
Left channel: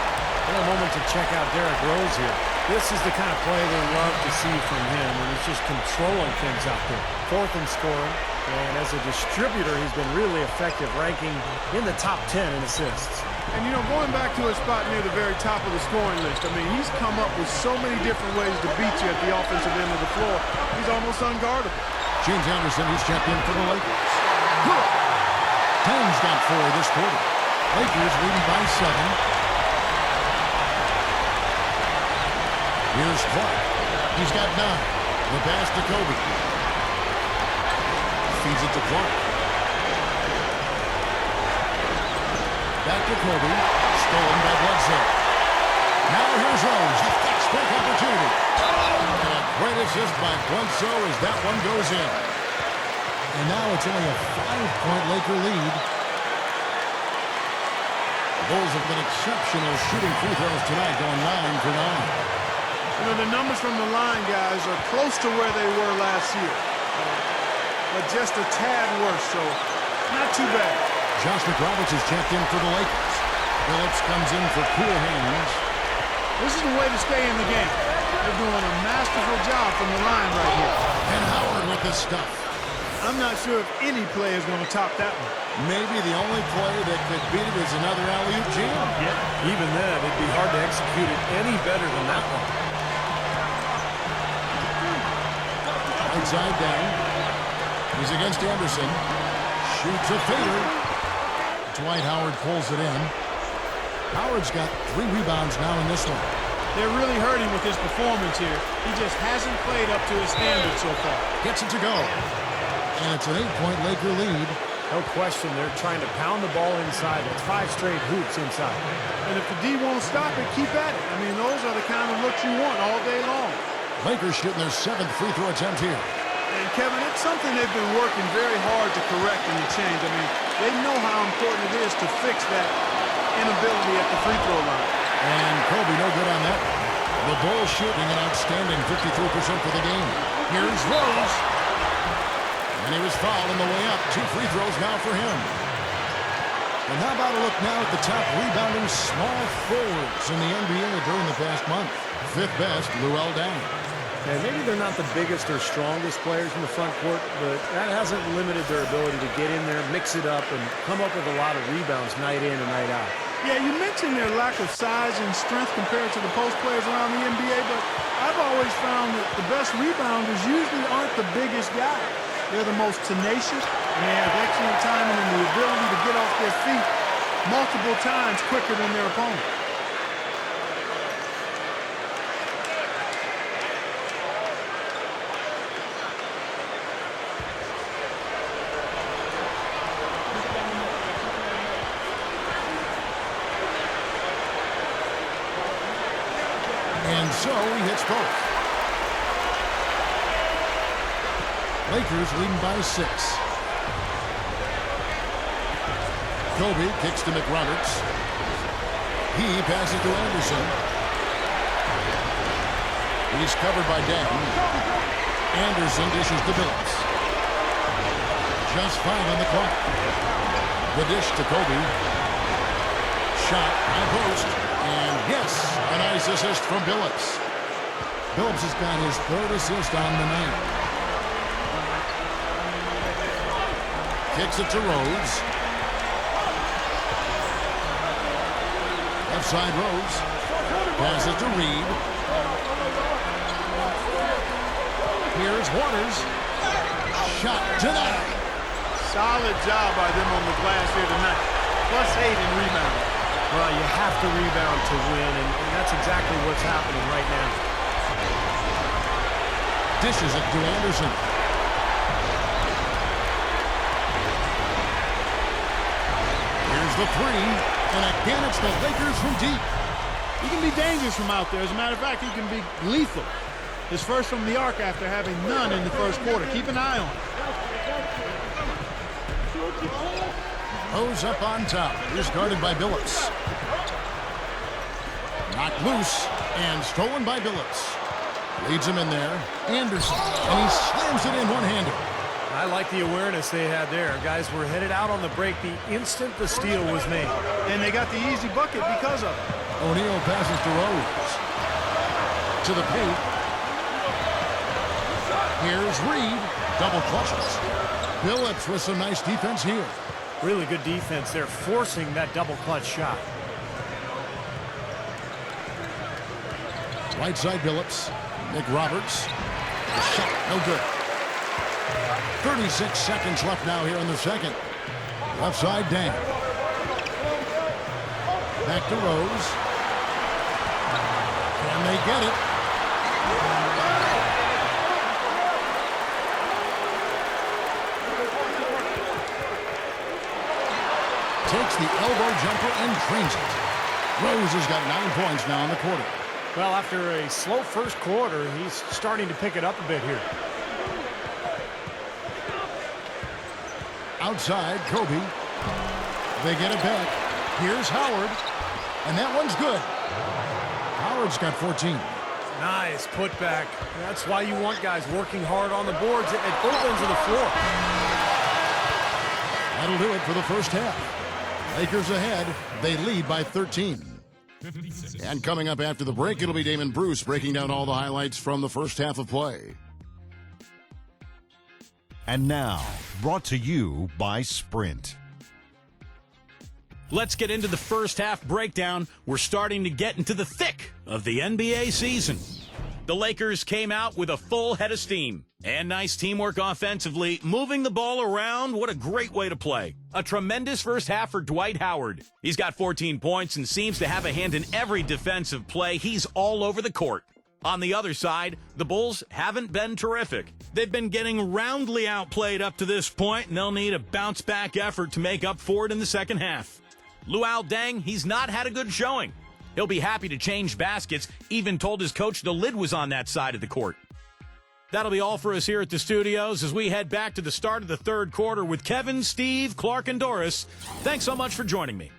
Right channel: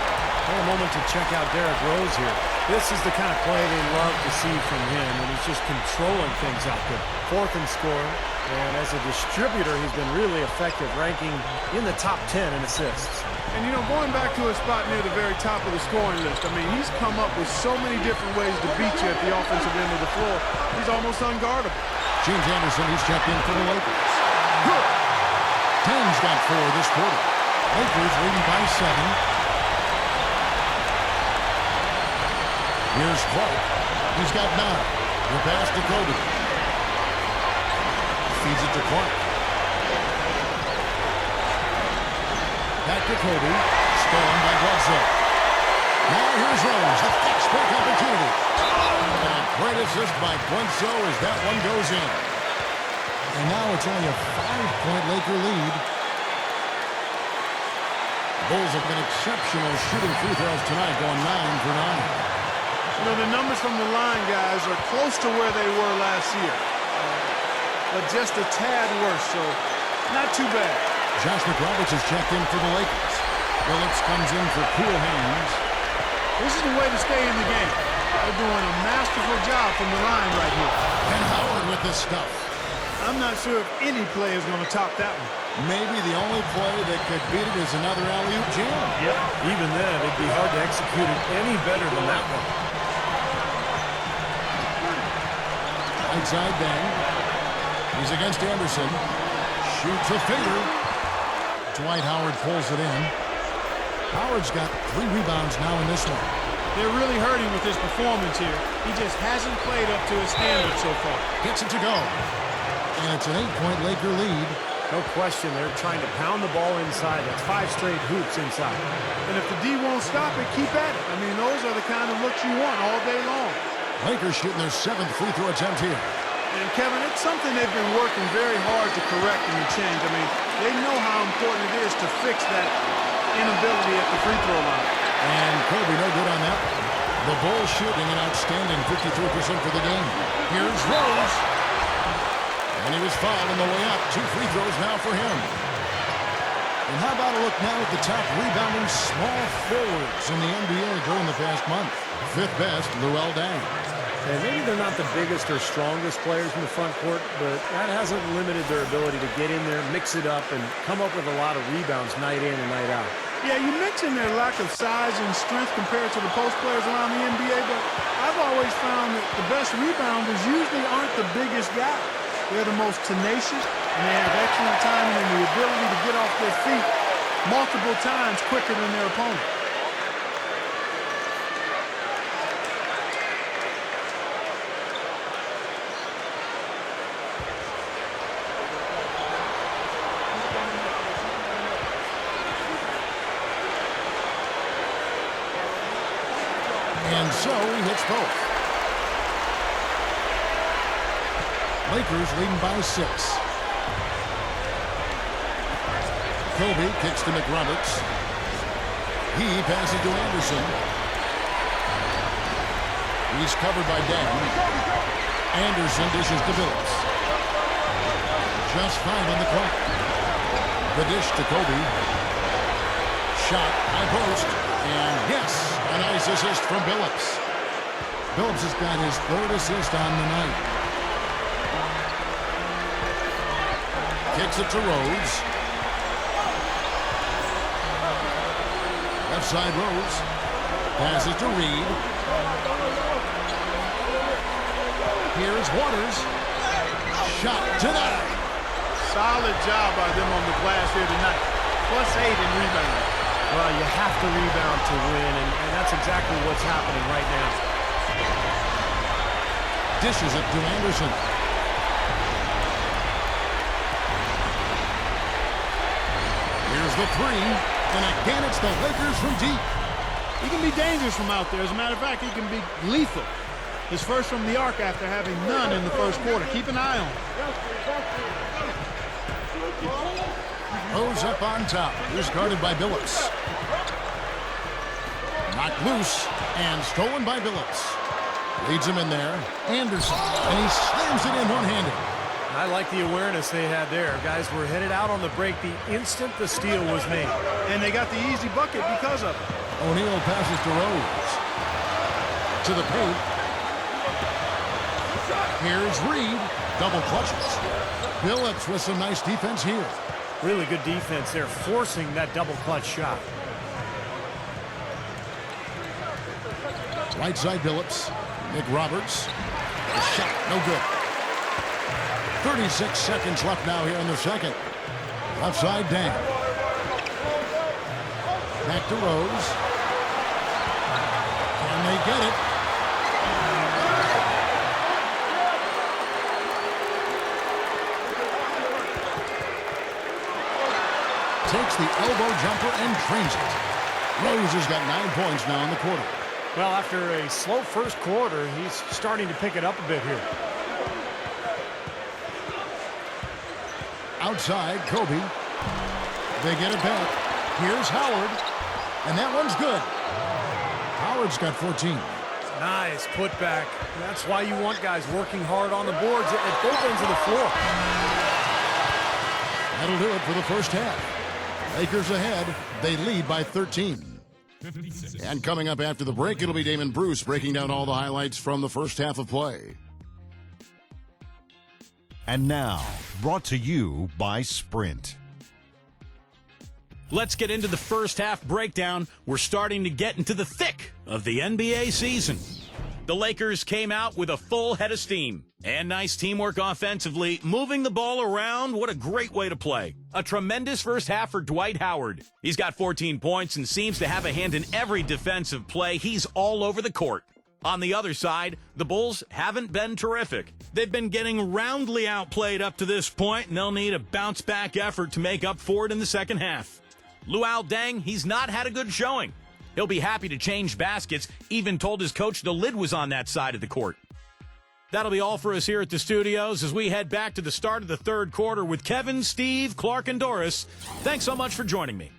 A moment to check out Derrick Rose here. This is the kind of play they love to see from him when he's just controlling things out there. 4th in scoring, and as a distributor, he's been really effective, ranking in the top 10 in assists. And, going back to his spot near the very top of the scoring list, I mean, he's come up with so many different ways to beat you at the offensive end of the floor. He's almost unguardable. James Anderson, he's checked in for the Lakers. Good. 10's got 4 this quarter. Lakers leading by 7. Here's Clark. He's got 9. The pass to Kobe. Feeds it to Clark. Back to Kobe. Stolen by Bledsoe. Now here's Rose. The fast break opportunity. And a great assist by Bledsoe as that one goes in. And now it's only a 5-point Laker lead. Bulls have been exceptional shooting free throws tonight, going 9 for 9. The numbers from the line, guys, are close to where they were last year. But just a tad worse, so not too bad. Josh McRoberts has checked in for the Lakers. Phillips comes in for cool hands. This is the way to stay in the game. They're doing a masterful job from the line right here. And Howard with the stuff. I'm not sure if any play is going to top that one. Maybe the only play that could beat it is another alley-oop jam. Yep. Even then, it'd be hard to execute it any better than that one. Right side Dang. He's against Anderson. Shoots a fader. Dwight Howard pulls it in. Howard's got 3 rebounds now in this one. They're really hurting with his performance here. He just hasn't played up to his standards so far. Gets it to go. And it's an 8-point Laker lead. No question, they're trying to pound the ball inside. That's 5 straight hoops inside. And if the D won't stop it, keep at it. I mean, those are the kind of looks you want all day long. Lakers shooting their 7th free throw attempt here. And, Kevin, it's something they've been working very hard to correct and to change. I mean, they know how important it is to fix that inability at the free throw line. And Kobe no good on that one. The Bulls shooting an outstanding 53% for the game. Here's Rose. And he was fouled on the way up. 2 free throws now for him. And how about a look now at the top rebounding small forwards in the NBA during the past month? 5th best, Luol Deng. And maybe they're not the biggest or strongest players in the front court, but that hasn't limited their ability to get in there, mix it up, and come up with a lot of rebounds night in and night out. Yeah, you mentioned their lack of size and strength compared to the post players around the NBA, but I've always found that the best rebounders usually aren't the biggest guys. They're the most tenacious, and they have excellent timing and the ability to get off their feet multiple times quicker than their opponent. And so he hits both. Lakers leading by 6. Kobe kicks to McRoberts. He passes to Anderson. He's covered by Dang. Anderson dishes to Billups. Just 5 on the clock. The dish to Kobe. Shot, high post. And yes, a nice assist from Billups. Billups has got his 3rd assist on the night. Kicks it to Rose. Left side Rose. Passes to Reed. Here's Waters. Shot denied. Solid job by them on the glass here tonight. +8 in rebounding. Well, you have to rebound to win, and that's exactly what's happening right now. Dishes it to Anderson. Here's the 3, and again it's the Lakers from deep. He can be dangerous from out there. As a matter of fact, he can be lethal. His first from the arc after having none in the first quarter. Keep an eye on it. Rose up on top. He's guarded by Billups. Knocked loose and stolen by Billups. Leads him in there. Anderson, and he slams it in one-handed. I like the awareness they had there. Guys were headed out on the break the instant the steal was made. And they got the easy bucket because of it. O'Neal passes to Rose. To the paint. Here's Reed. Double clutches. Billups with some nice defense here. Really good defense there, forcing that double clutch shot. Right side Billups. McRoberts. A shot, no good. 36 seconds left now here in the second. Left side Dang. Back to Rose. Can they get it? Takes the elbow jumper and drains it. Rose has got 9 points now in the quarter. Well, after a slow first quarter, he's starting to pick it up a bit here. Outside, Kobe. They get it back. Here's Howard. And that one's good. Howard's got 14. Nice putback. That's why you want guys working hard on the boards at both ends of the floor. That'll do it for the first half. Lakers ahead They lead by 13. And coming up after the break, it'll be Damon Bruce breaking down all the highlights from the first half of play. And now, brought to you by Sprint. Let's get into the first half breakdown. We're starting to get into the thick of the NBA season. The Lakers came out with a full head of steam and nice teamwork offensively, moving the ball around. What a great way to play. A tremendous first half for Dwight Howard. He's got 14 points and seems to have a hand in every defensive play. He's all over the court. On the other side, the Bulls haven't been terrific. They've been getting roundly outplayed up to this point, and they'll need a bounce-back effort to make up for it in the second half. Luol Deng, he's not had a good showing. He'll be happy to change baskets, even told his coach the lid was on that side of the court. That'll be all for us here at the studios as we head back to the start of the third quarter with Kevin, Steve, Clark, and Doris. Thanks so much for joining me.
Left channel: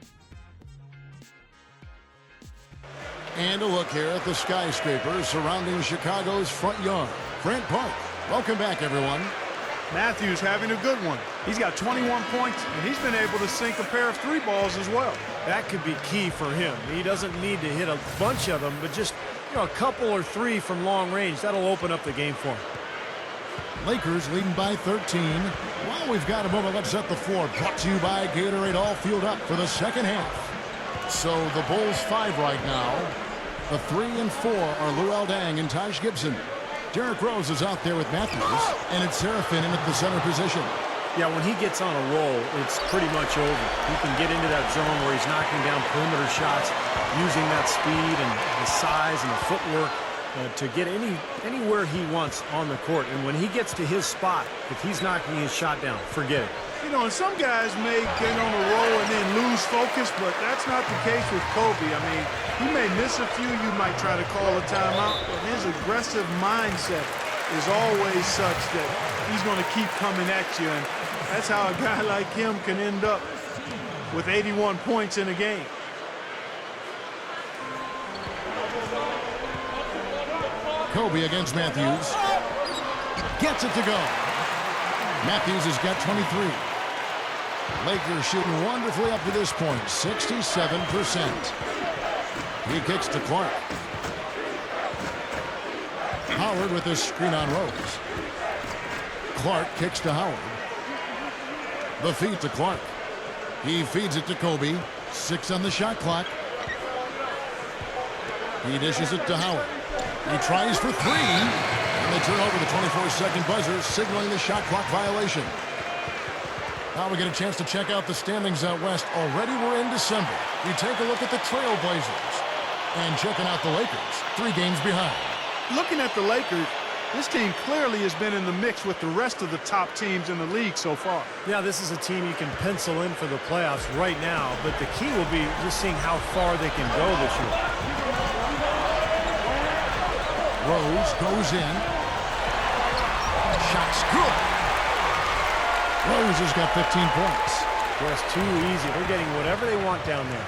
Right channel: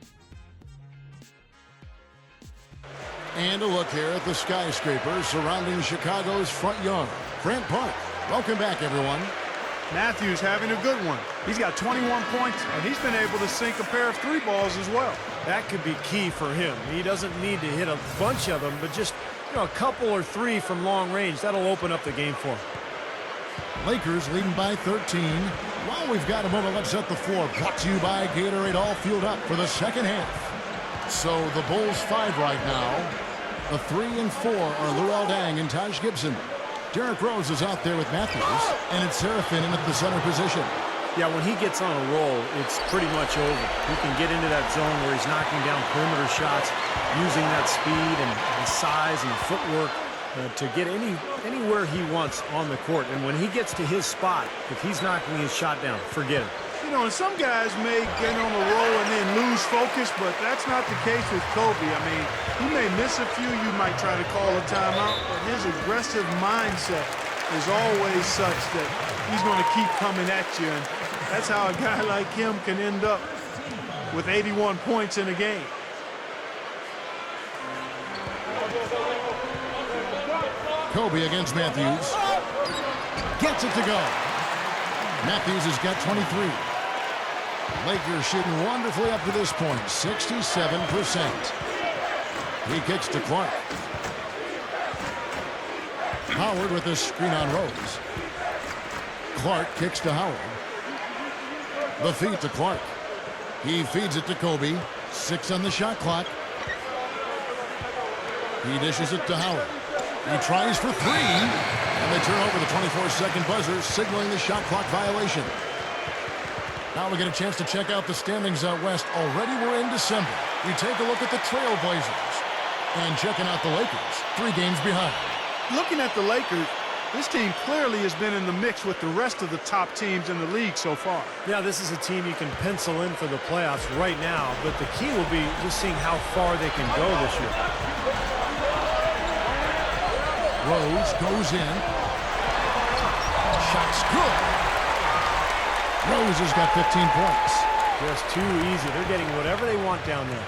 And a look here at the skyscrapers surrounding Chicago's front yard. Grant Park. Welcome back, everyone. Matthews having a good one. He's got 21 points, and he's been able to sink a pair of 3 balls as well. That could be key for him. He doesn't need to hit a bunch of them, but just, a couple or 3 from long range. That'll open up the game for him. Lakers leading by 13. While we've got a moment, let's set the floor. Brought to you by Gatorade, all fueled up for the second half. So the Bulls 5 right now. The 3 and 4 are Luol Deng and Taj Gibson. Derrick Rose is out there with Matthews, and it's Serafin in at the center position. Yeah, when he gets on a roll, it's pretty much over. He can get into that zone where he's knocking down perimeter shots, using that speed and the size and the footwork to get anywhere he wants on the court. And when he gets to his spot, if he's knocking his shot down, forget it. And some guys may get on a roll and then lose focus, but that's not the case with Kobe. I mean, he may miss a few. You might try to call a timeout, but his aggressive mindset is always such that he's going to keep coming at you. And that's how a guy like him can end up with 81 points in a game. Kobe against Matthews. Gets it to go. Matthews has got 23. Lakers shooting wonderfully up to this point, 67%. He kicks to Clark. Howard with this screen on Rose. Clark kicks to Howard. The feed to Clark. He feeds it to Kobe. 6 on the shot clock. He dishes it to Howard. He tries for 3. And they turn over the 24-second buzzer, signaling the shot clock violation. Now we get a chance to check out the standings out west. Already we're in December. We take a look at the Trailblazers. And checking out the Lakers, 3 games behind. Looking at the Lakers, this team clearly has been in the mix with the rest of the top teams in the league so far. Yeah, this is a team you can pencil in for the playoffs right now, but the key will be just seeing how far they can go this year. Rose goes in. Shot's good. Rose has got 15 points. Just too easy. They're getting whatever they want down there.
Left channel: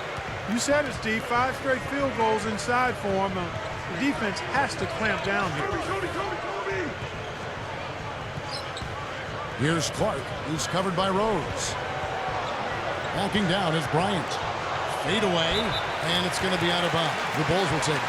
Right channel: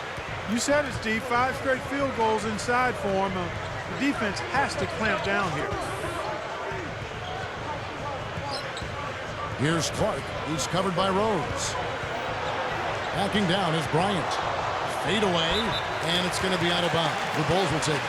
You said it, Steve. 5 straight field goals inside for him. The defense has to clamp down here. Here's Clark. He's covered by Rose. Backing down is Bryant. Fade away, and it's going to be out of bounds. The Bulls will take it.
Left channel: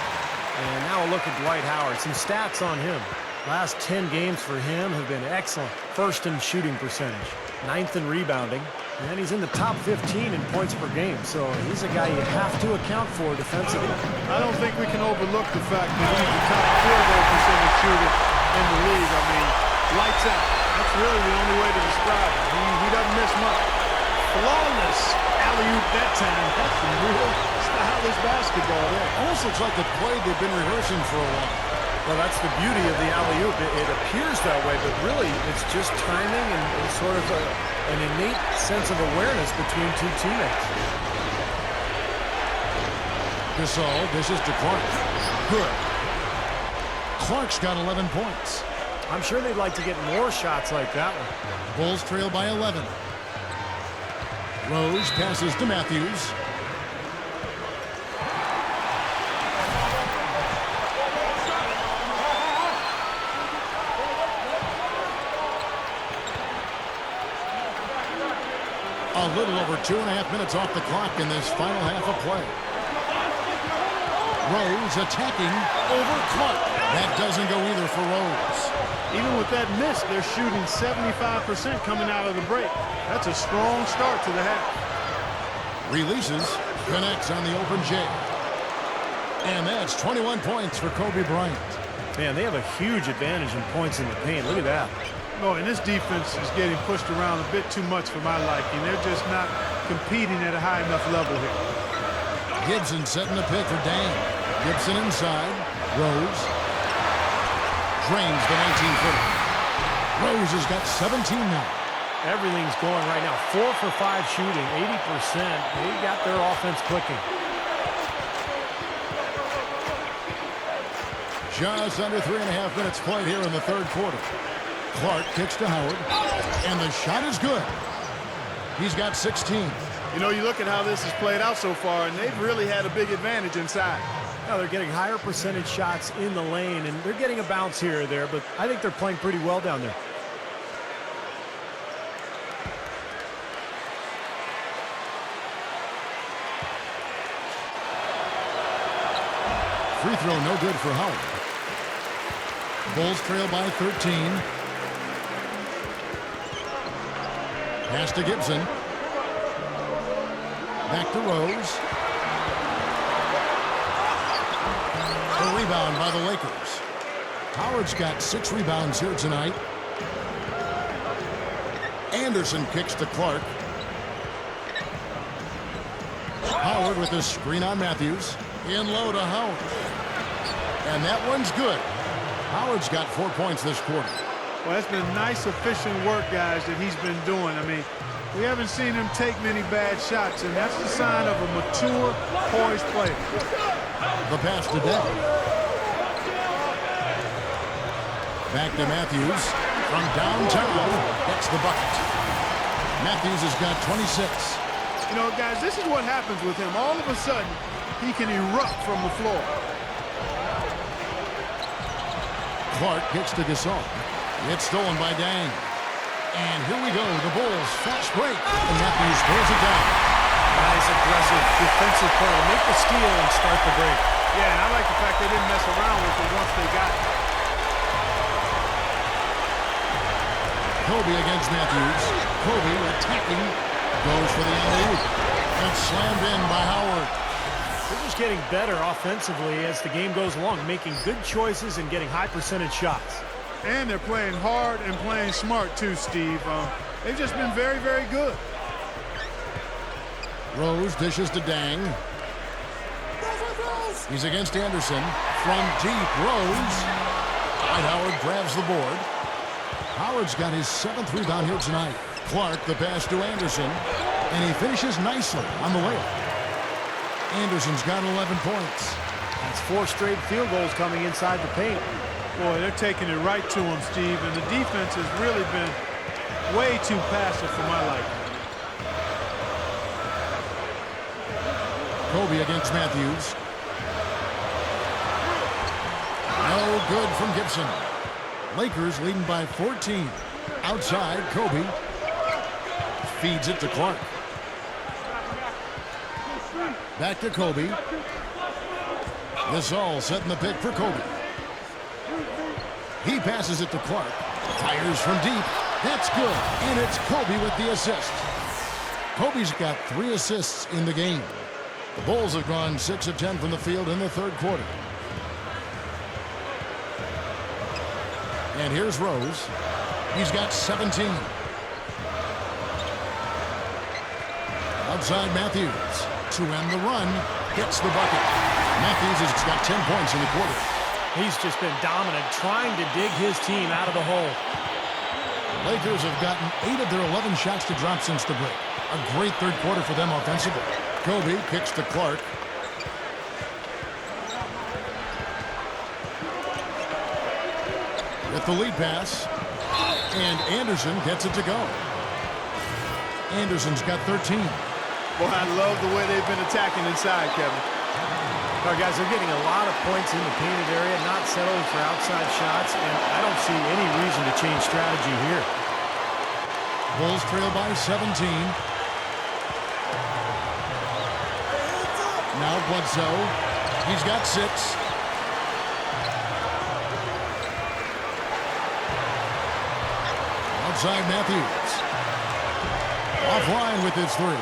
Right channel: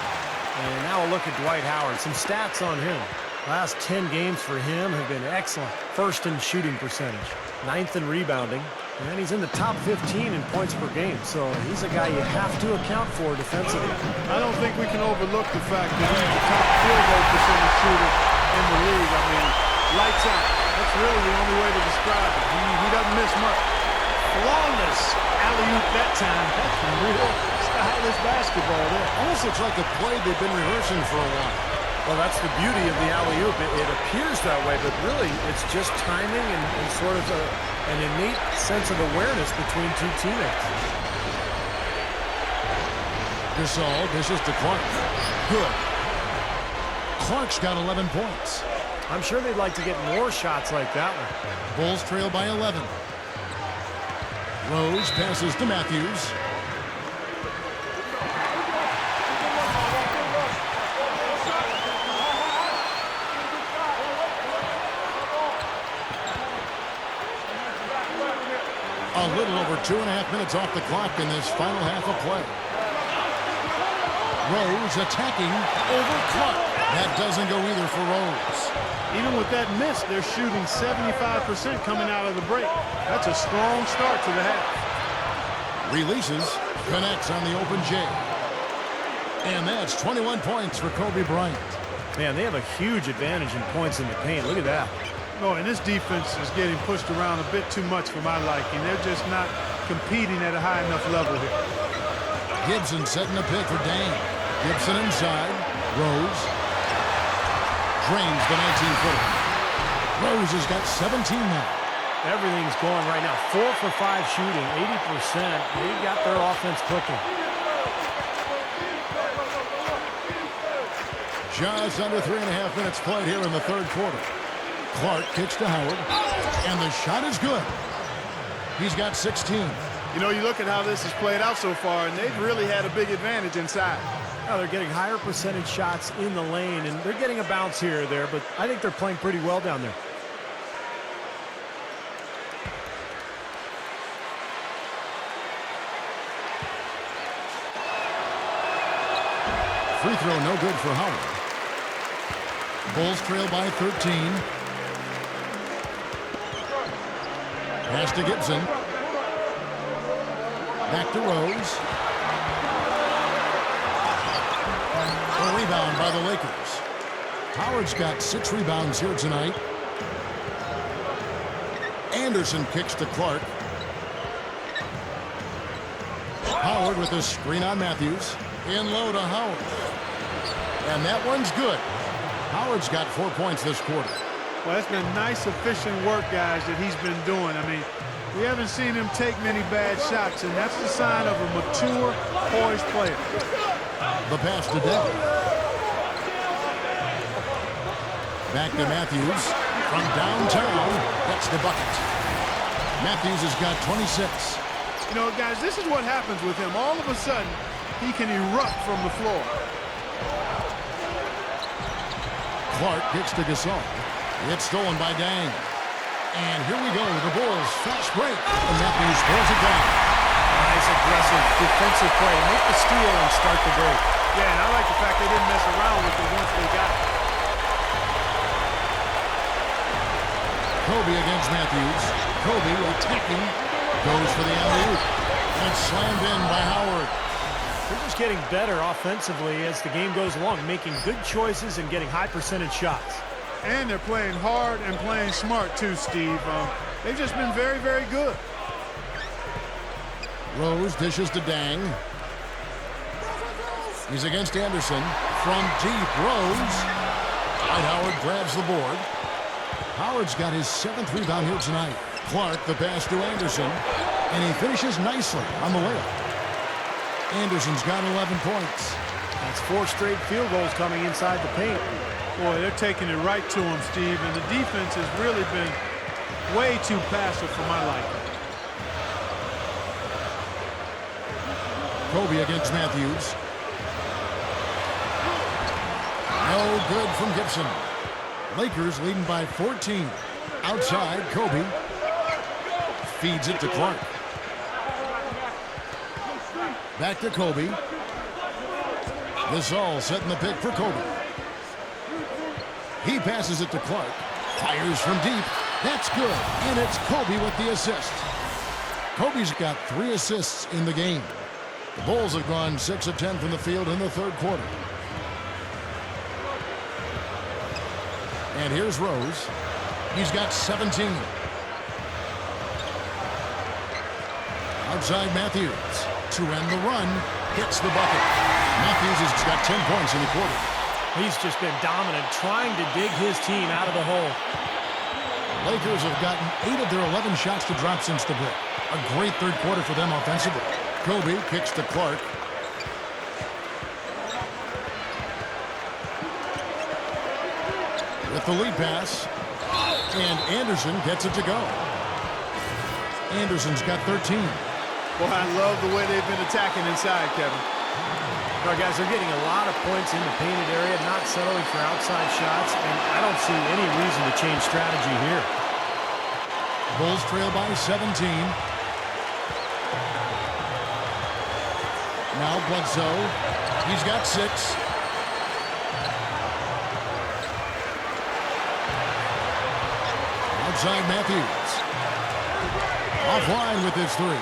And now a look at Dwight Howard. Some stats on him. Last 10 games for him have been excellent. First in shooting percentage, 9th in rebounding, and he's in the top 15 in points per game. So he's a guy you have to account for defensively. I don't think we can overlook the fact that he's the top field goal percentage shooter in the league. I mean, lights out. That's really the only way to describe it. He doesn't miss much. Flawless alley-oop that time. That's some real stylish basketball there. Almost looks like a play they've been rehearsing for a while. Well, that's the beauty of the alley-oop. It appears that way, but really it's just timing and sort of an innate sense of awareness between 2 teammates. Gasol dishes to Clark. Good. Clark's got 11 points. I'm sure they'd like to get more shots like that one. Bulls trail by 11. Rose passes to Matthews. A little over 2.5 minutes off the clock in this final half of play. Rose attacking over Clark. That doesn't go either for Rose. Even with that miss, they're shooting 75% coming out of the break. That's a strong start to the half. Releases, connects on the open J. And that's 21 points for Kobe Bryant. Man, they have a huge advantage in points in the paint. Look at that. Oh, and this defense is getting pushed around a bit too much for my liking. They're just not competing at a high enough level here. Gibson setting the pick for Dang. Gibson inside. Rose drains the 19-footer. Rose has got 17 now. Everything's going right now. 4 for 5 shooting, 80%. They got their offense clicking. Just under 3.5 minutes played here in the third quarter. Clark kicks to Howard, and the shot is good. He's got 16. You know, you look at how this has played out so far, and they've really had a big advantage inside. Now they're getting higher percentage shots in the lane, and they're getting a bounce here or there, but I think they're playing pretty well down there. Free throw no good for Howard. Bulls trail by 13. Pass to Gibson. Back to Rose. A rebound by the Lakers. Howard's got 6 rebounds here tonight. Anderson kicks to Clark. Howard with a screen on Matthews. In low to Howard. And that one's good. Howard's got 4 points this quarter. Well, that's been nice, efficient work, guys, that he's been doing. I mean, we haven't seen him take many bad shots, and that's the sign of a mature, poised player. The pass to Day. Back to Matthews. From downtown, gets the bucket. Matthews has got 26. You know, guys, this is what happens with him. All of a sudden, he can erupt from the floor. Clark kicks to Gasol. It's stolen by Dang. And here we go. The Bulls fast break. And Matthews throws it down. Nice, aggressive defensive play to make the steal and start the break. Yeah, and I like the fact they didn't mess around with it once they got it. Kobe against Matthews. Kobe attacking. Goes for the alley-oop. And it's slammed in by Howard. They're just getting better offensively as the game goes along, making good choices and getting high percentage shots. And they're playing hard and playing smart too, Steve. They've just been very, very good. Rose dishes to Dang. He's against Anderson. From deep, Rose. Dwight Howard grabs the board. Howard's got his 7th rebound here tonight. Clark, the pass to Anderson. And he finishes nicely on the layup. Anderson's got 11 points. That's 4 straight field goals coming inside the paint. Boy, they're taking it right to him, Steve. And the defense has really been way too passive for my liking. Kobe against Matthews. No good from Gibson. Lakers leading by 14. Outside, Kobe feeds it to Clark. Back to Kobe. Gasol setting the pick for Kobe. He passes it to Clark. Fires from deep. That's good. And it's Kobe with the assist. Kobe's got 3 assists in the game. The Bulls have gone 6 of 10 from the field in the third quarter. And here's Rose. He's got 17. Outside Matthews to end the run. Gets the bucket. Matthews has got 10 points in the quarter. He's just been dominant, trying to dig his team out of the hole. Lakers have gotten 8 of their 11 shots to drop since the break. A great third quarter for them offensively. Kobe kicks to Clark. With the lead pass. And Anderson gets it to go. Anderson's got 13. Boy, I love the way they've been attacking inside, Kevin. All right, guys, they're getting a lot of points in the painted area, not settling for outside shots, and I don't see any reason to change strategy here. Bulls trail by 17. Now Bledsoe. He's got 6. Outside Matthews. Offline with his 3.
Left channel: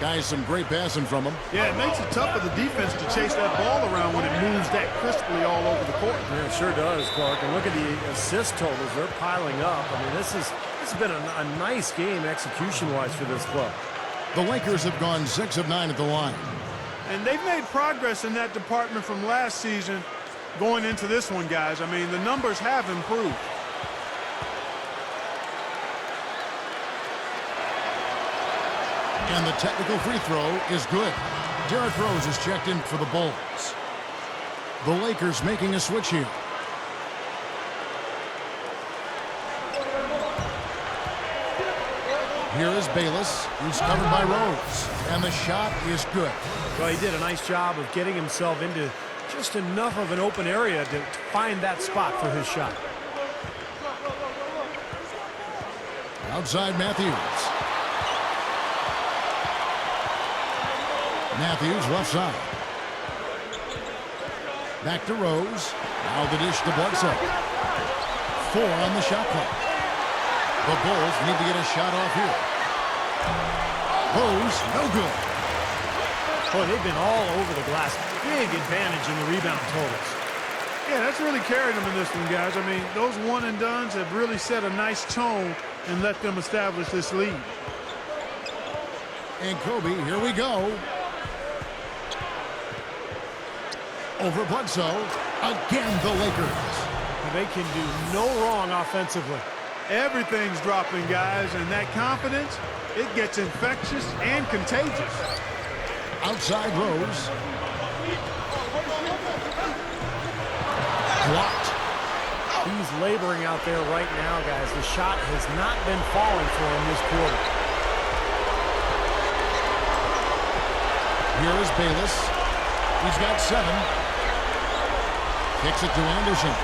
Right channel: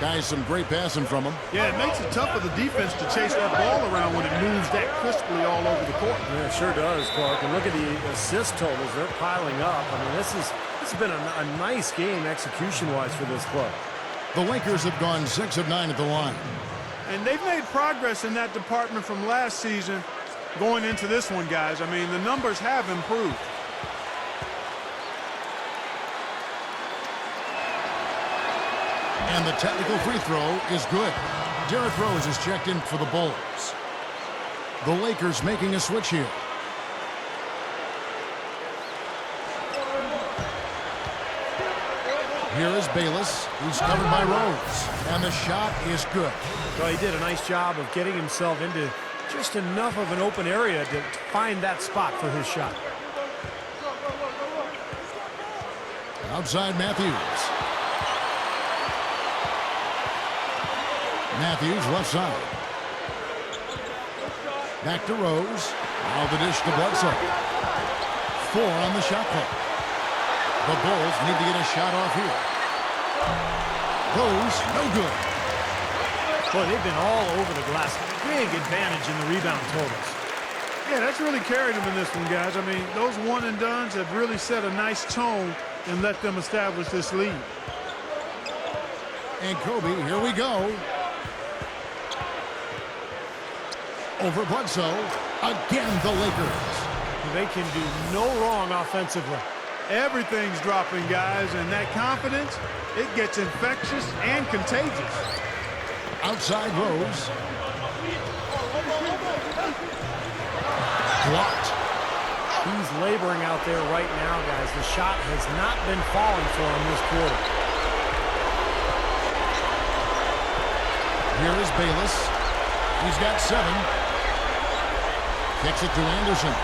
Guys, some great passing from him. Yeah, it makes it tough for the defense to chase that ball around when it moves that crisply all over the court. Yeah, it sure does, Clark. And look at the assist totals. They're piling up. I mean, this has been a nice game execution-wise for this club. The Lakers have gone 6 of 9 at the line. And they've made progress in that department from last season going into this one, guys. I mean, the numbers have improved. And the technical free throw is good. Derrick Rose is checked in for the Bulls. The Lakers making a switch here. Here is Bayless. He's covered by Rose. And the shot is good. Well, he did a nice job of getting himself into just enough of an open area to find that spot for his shot. Outside Matthews. Matthews left side. Back to Rose. Now the dish to Bledsoe. 4 on the shot clock. The Bulls need to get a shot off here. Rose, no good. Boy, they've been all over the glass. Big advantage in the rebound totals. Yeah, that's really carried them in this one, guys. I mean, those one and dones have really set a nice tone and let them establish this lead. And Kobe, here we go. Over Bledsoe. Again, the Lakers. They can do no wrong offensively. Everything's dropping, guys, and that confidence, it gets infectious and contagious. Outside Rose. Blocked. He's laboring out there right now, guys. The shot has not been falling for him this quarter. Here is Bayless. He's got 7. Kicks it to Anderson.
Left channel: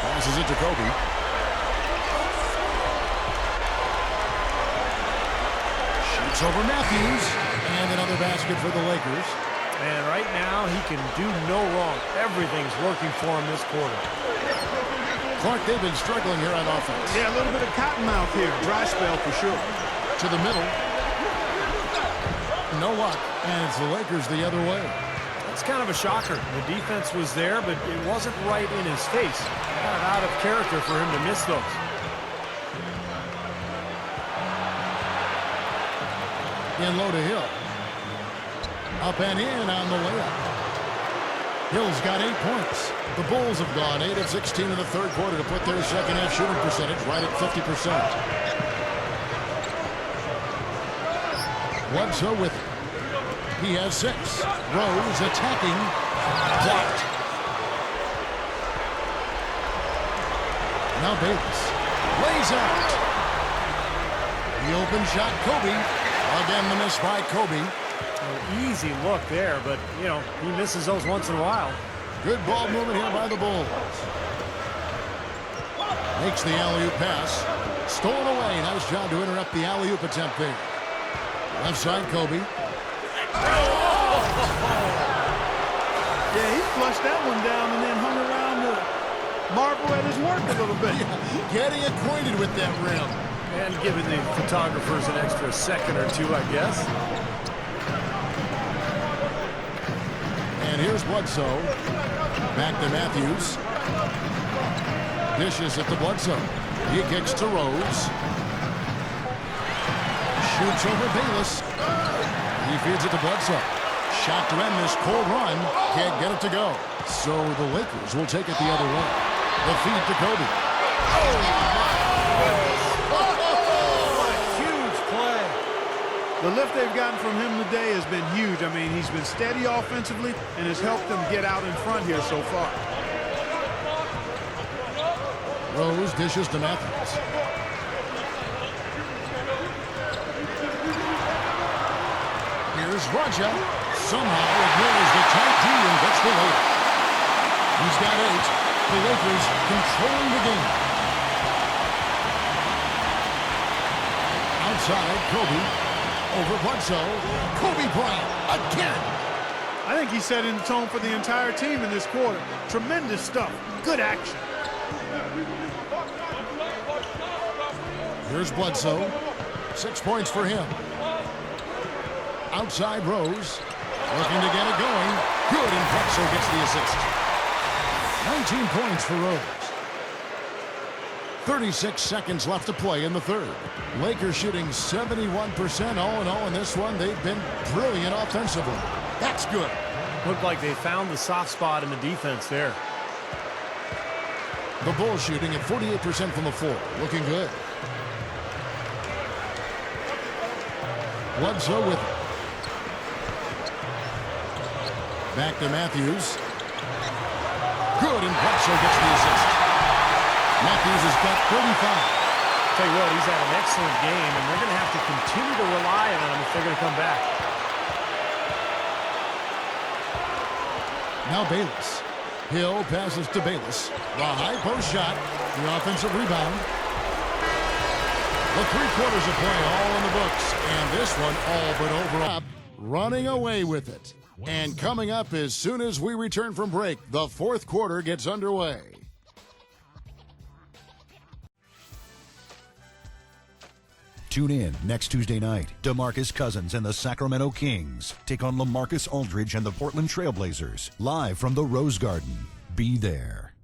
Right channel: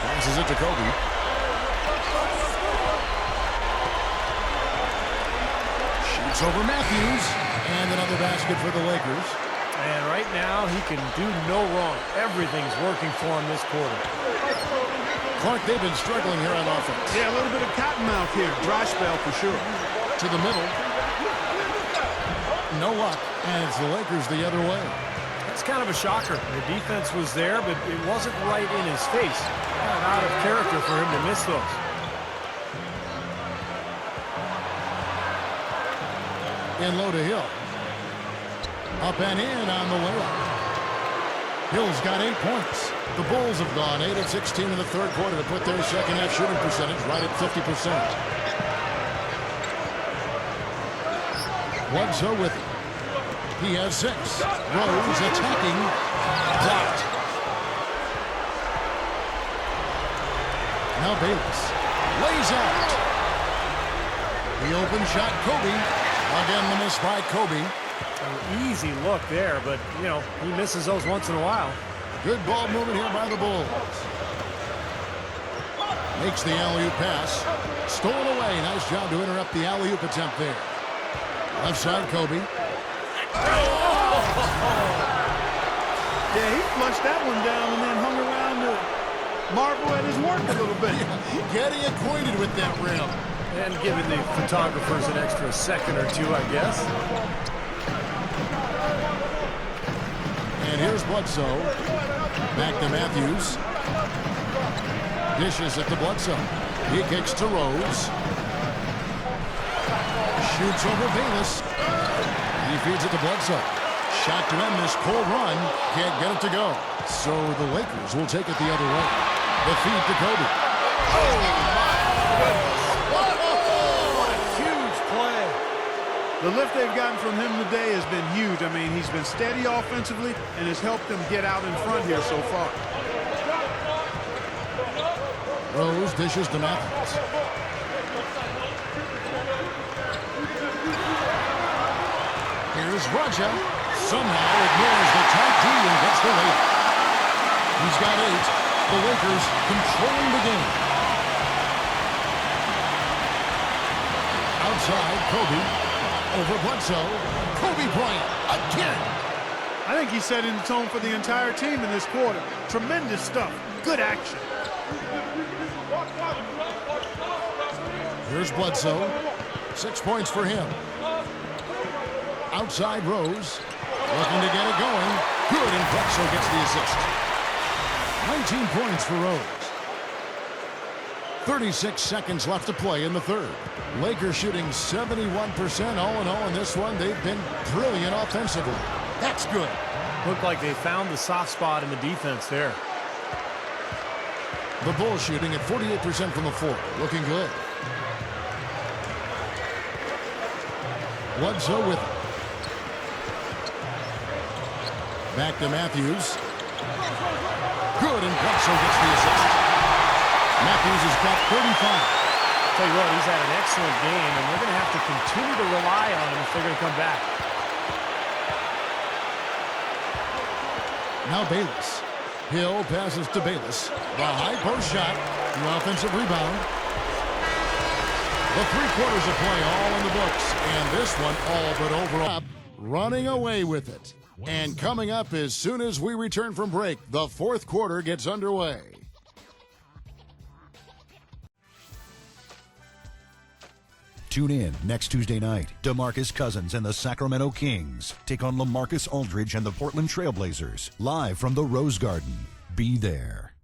Passes it to Kobe. Shoots over Matthews. And another basket for the Lakers. And right now, he can do no wrong. Everything's working for him this quarter. Clark, they've been struggling here on offense. Yeah, a little bit of cottonmouth here. Dry spell for sure. To the middle. No luck. And it's the Lakers the other way. That's kind of a shocker. The defense was there, but it wasn't right in his face. Kind of out of character for him to miss those. In low to Hill. Up and in on the layup. Hill's got 8 points. The Bulls have gone 8 of 16 in the third quarter to put their second half shooting percentage right at 50%. Bledsoe with it. He has 6. Rose attacking. Blocked. Now Bayless. Lays out. The open shot, Kobe. Again, the miss by Kobe. An easy look there, but, you know, he misses those once in a while. Good ball movement here by the Bulls. Makes the alley-oop pass. Stolen away. Nice job to interrupt the alley-oop attempt there. Left side, Kobe. Yeah, he flushed that one down and then hung around to marvel at his work a little bit. Yeah, getting acquainted with that rim. And giving the photographers an extra second or two, I guess. And here's Bledsoe. Back to Matthews. Dishes it to Bledsoe. He kicks to Rose. Shoots over Bayless. He feeds it to Bledsoe. Shot to end this cold run. Can't get it to go. So the Lakers will take it the other way. The feed to Kobe. Oh, my goodness. What a huge play. The lift they've gotten from him today has been huge. I mean, he's been steady offensively and has helped them get out in front here so far. Rose dishes to Matthews. Here's Raja. Somehow ignores the tight D and gets the layup. He's got 8. The Lakers controlling the game. Outside, Kobe. Over Bledsoe. Kobe Bryant again. I think he's setting the tone for the entire team in this quarter. Tremendous stuff. Good action. Here's Bledsoe. 6 points for him. Outside Rose. Looking to get it going. Good, and Bledsoe gets the assist. 19 points for Rose. 36 seconds left to play in the third. Lakers shooting 71% all in all in this one. They've been brilliant offensively. That's good. Looked like they found the soft spot in the defense there. The Bulls shooting at 48% from the floor. Looking good. Bledsoe with it. Back to Matthews. Good, and Bledsoe gets the assist. Matthews has got 35. Tell you what, he's had an excellent game, and they're going to have to continue to rely on him if they're going to come back. Now Bayless. Hill passes to Bayless. The high post shot. The offensive rebound. The 3 quarters of play all in the books. And this one all but over. Running away with it. And coming up as soon as we return from break, the 4th quarter gets underway. Tune in next Tuesday night. DeMarcus Cousins and the Sacramento Kings take on LaMarcus Aldridge and the Portland Trailblazers, live from the Rose Garden. Be there.